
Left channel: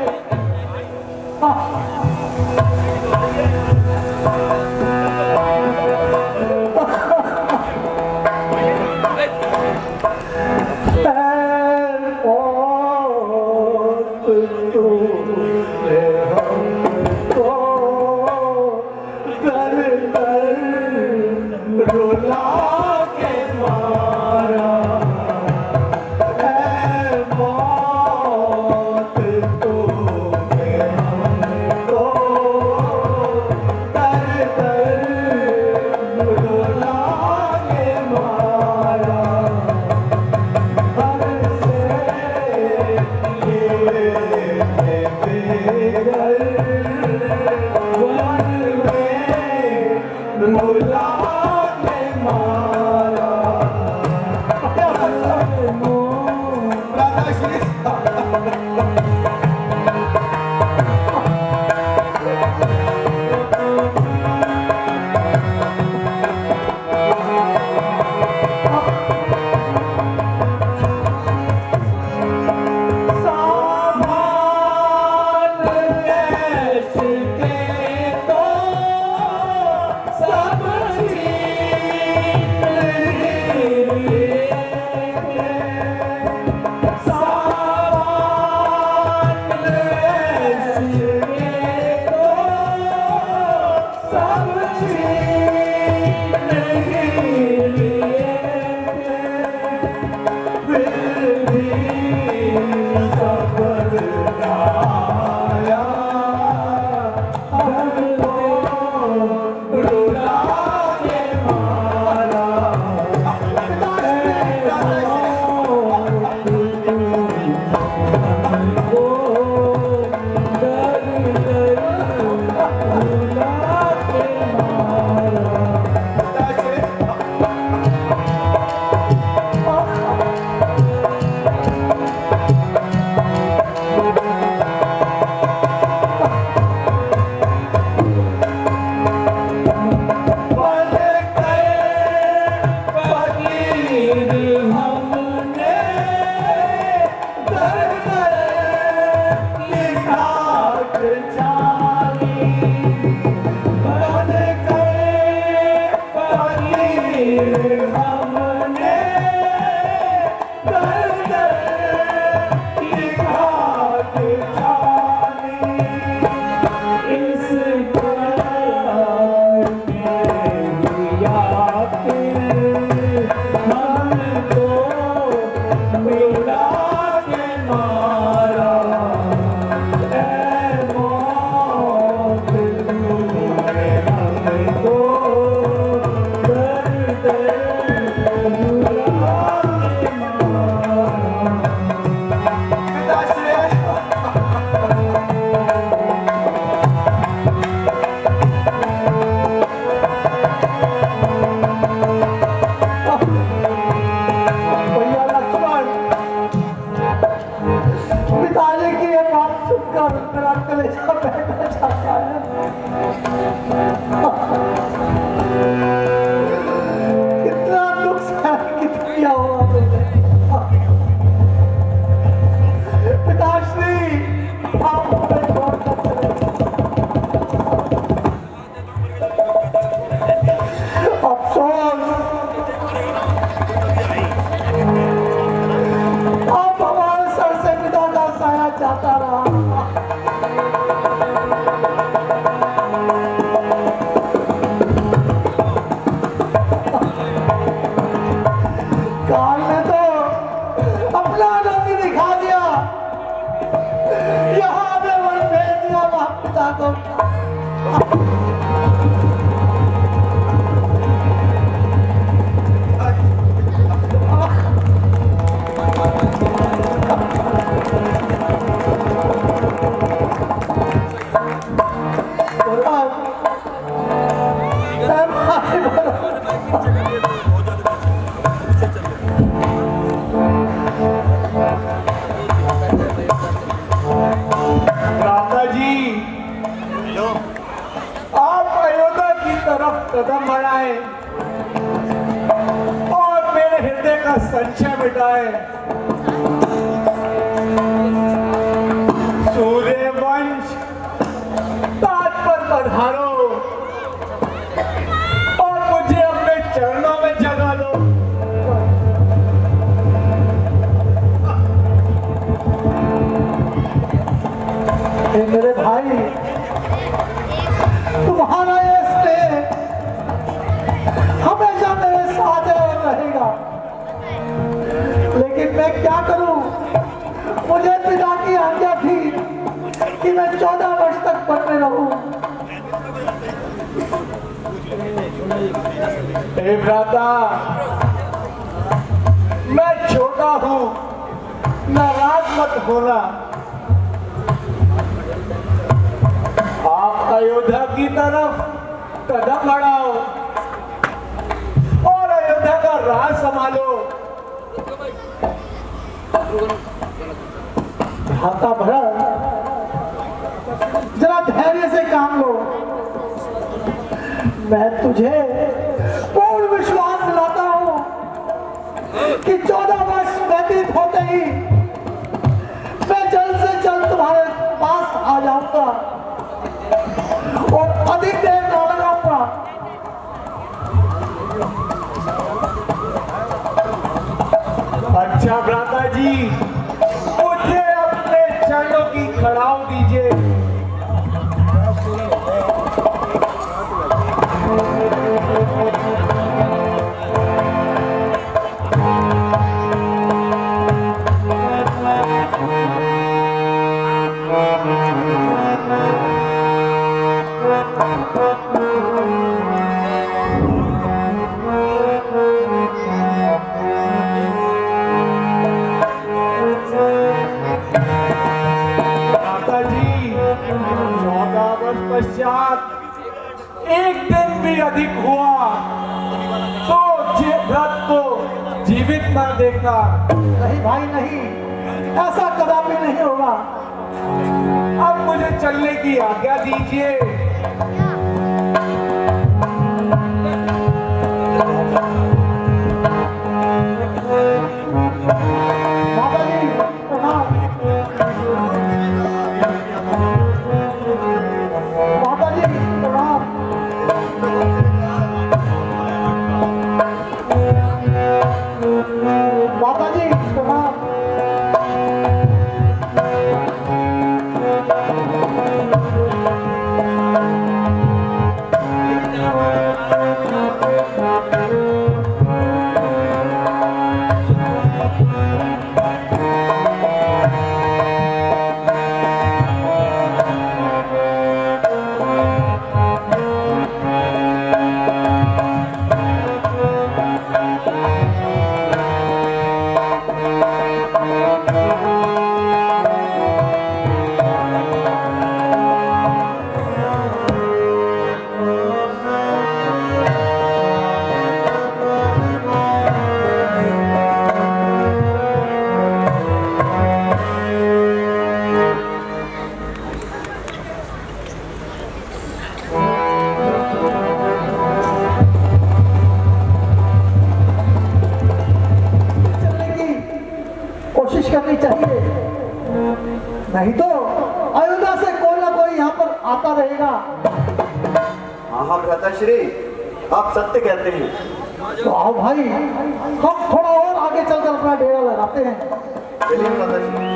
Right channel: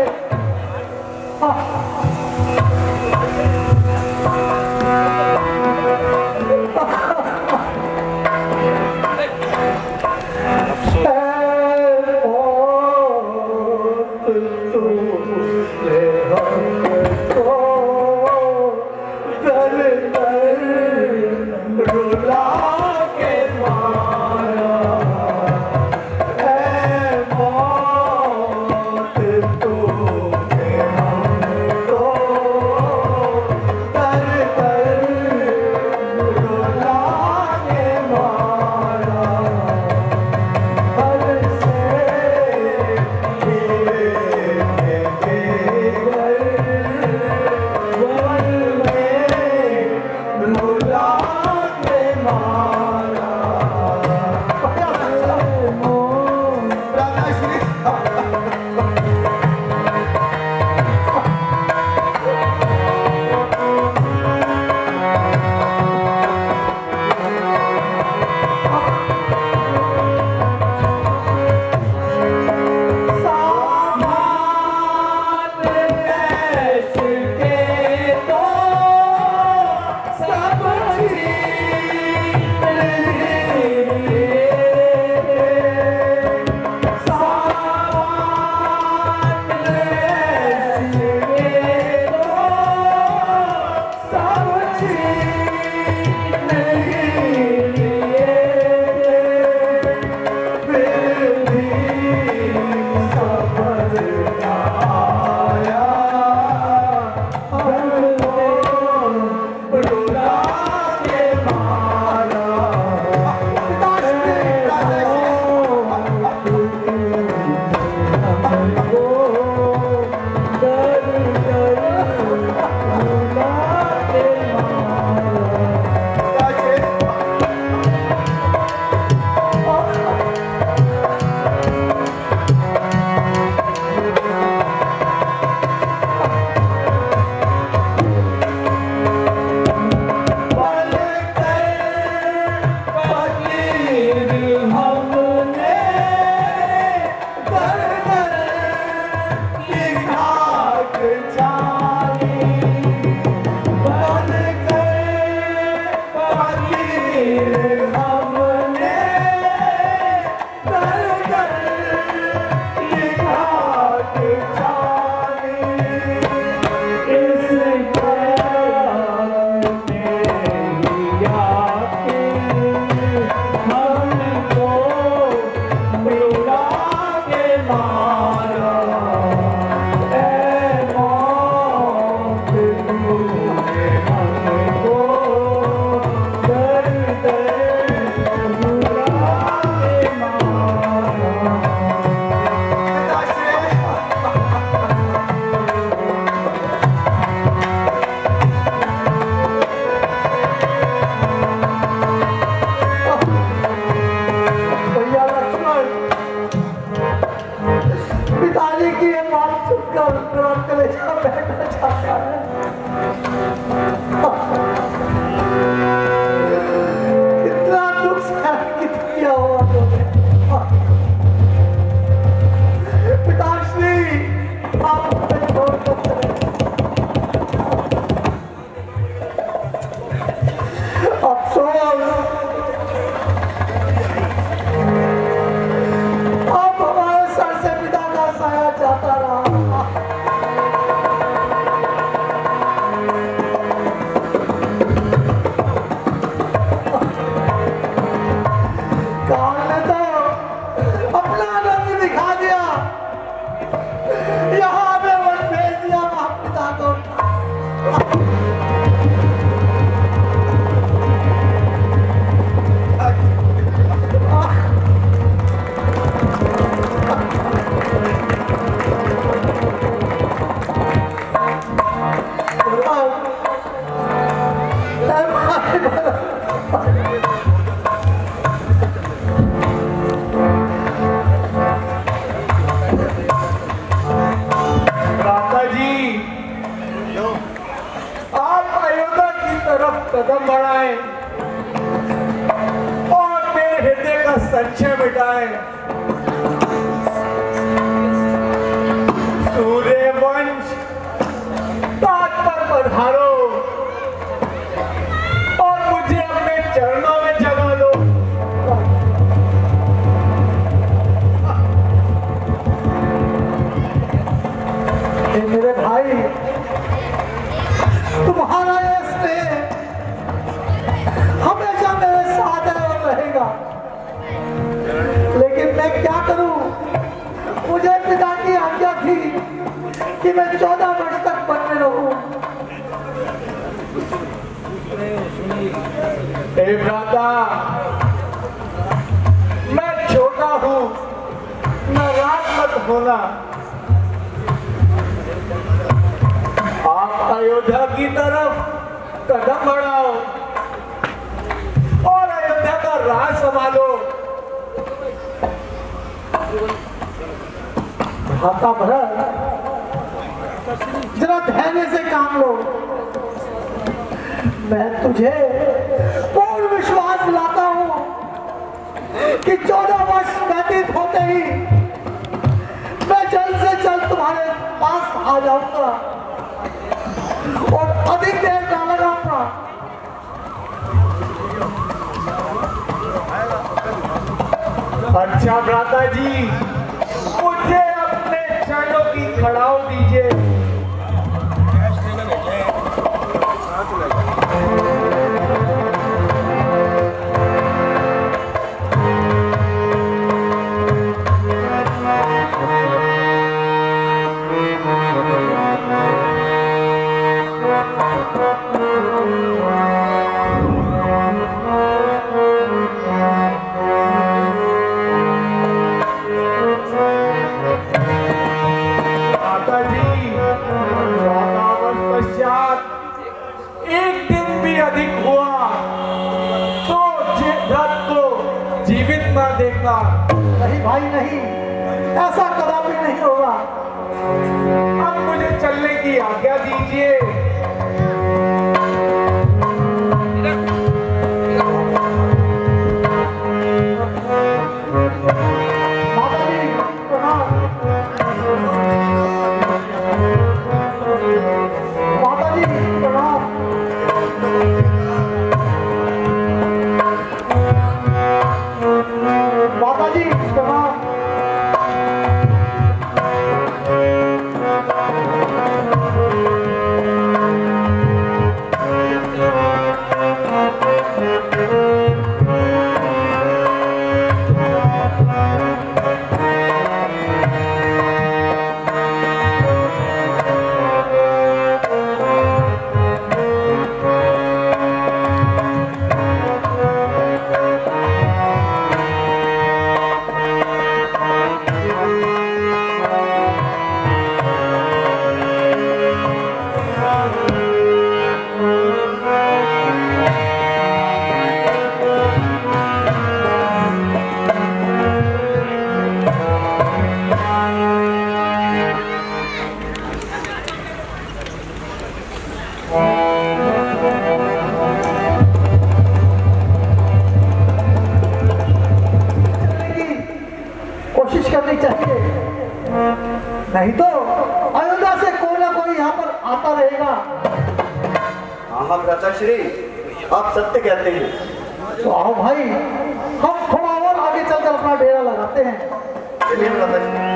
पिताजी की ये बात सुनकर कर मेरा कलेजा बैठा जाता है। कितना दुख सहन किया हुआ तुमने। पिताश्री आप मुझे छोड़ कर चले अफसोस आप हमारे सर से पिता का साया जाता रहा। काल ने तो अपना आनंद दिखा दिया, यहाँ पे वन भेज दिया वहां पिता को। राधा जी, आप अयोध्या की तरफ कदम बढ़ाए और मेरे हृदय का संशय मिटाए। सूर्यवंश ताज पर पधारो और मुझे अपने चरणों में जगा दो। हे मेरे भाई, तुम्हारा ये स्नेह हमेशा मेरे साथ है और रहेगा। लेकिन मैं क्या करूं, मुझे पिता की आज्ञा थी कि मैं 14 वर्ष तक वन में रहूं। हे भ्राता, मैं छोटा हूं, नाराज मत होना। आप अयोध्या की तरफ कदम बढ़ाओ और अयोध्या का राज संभालो। भ्राता भरत, जरा धैर्य से काम लो। मैं तुझे पूर्ण विश्वास दिलाता हूं कि 14 वर्ष व्यतीत होते ही मैं जल्द से जल्द तुम्हारे पास आ जाऊंगा और अधिक देर न लगाऊंगा। अच्छा भ्राता जी, मुझे अपने चरणों की खड़ाऊ दीजिए। माता जी, 14 वर्ष पश्चात एक दिन भी अधिक हुआ तो भरत को जीवित न देखना। नहीं भाई नहीं, ऐसा कदापि नहीं होगा। अब मुझे चलने की आज्ञा दीजिए। माता जी प्रणाम। माता जी प्रणाम। माता जी प्रणाम। नहीं तो अयोध्या से कोई ना कोई यहाँ पर आता रहेगा। हाँ भ्राताश्री, आप सत्य कहते हैं। तो आओ भाई, हम थोड़ा और आगे चलकर अपना डेरा लगाते हैं। चलिए भ्राताश्री।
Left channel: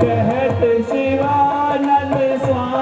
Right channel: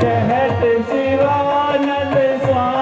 कहत शिवानंद स्वामी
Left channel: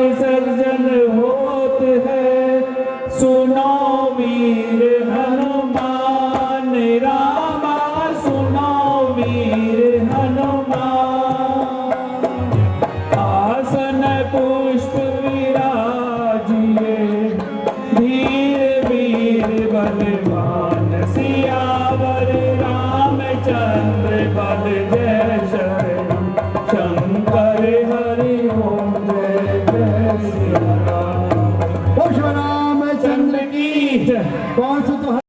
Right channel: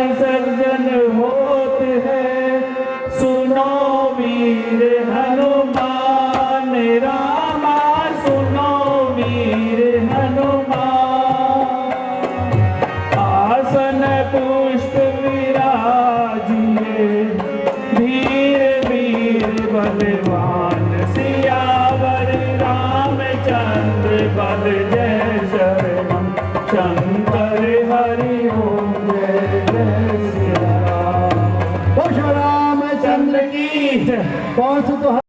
सर्जन होत है, सुनो वीर हनुमान रामा, सुनो वीर हनुमान। आसन पुष्प विराजिए, धीर वीर बलवान, सियावर रामचंद्र बल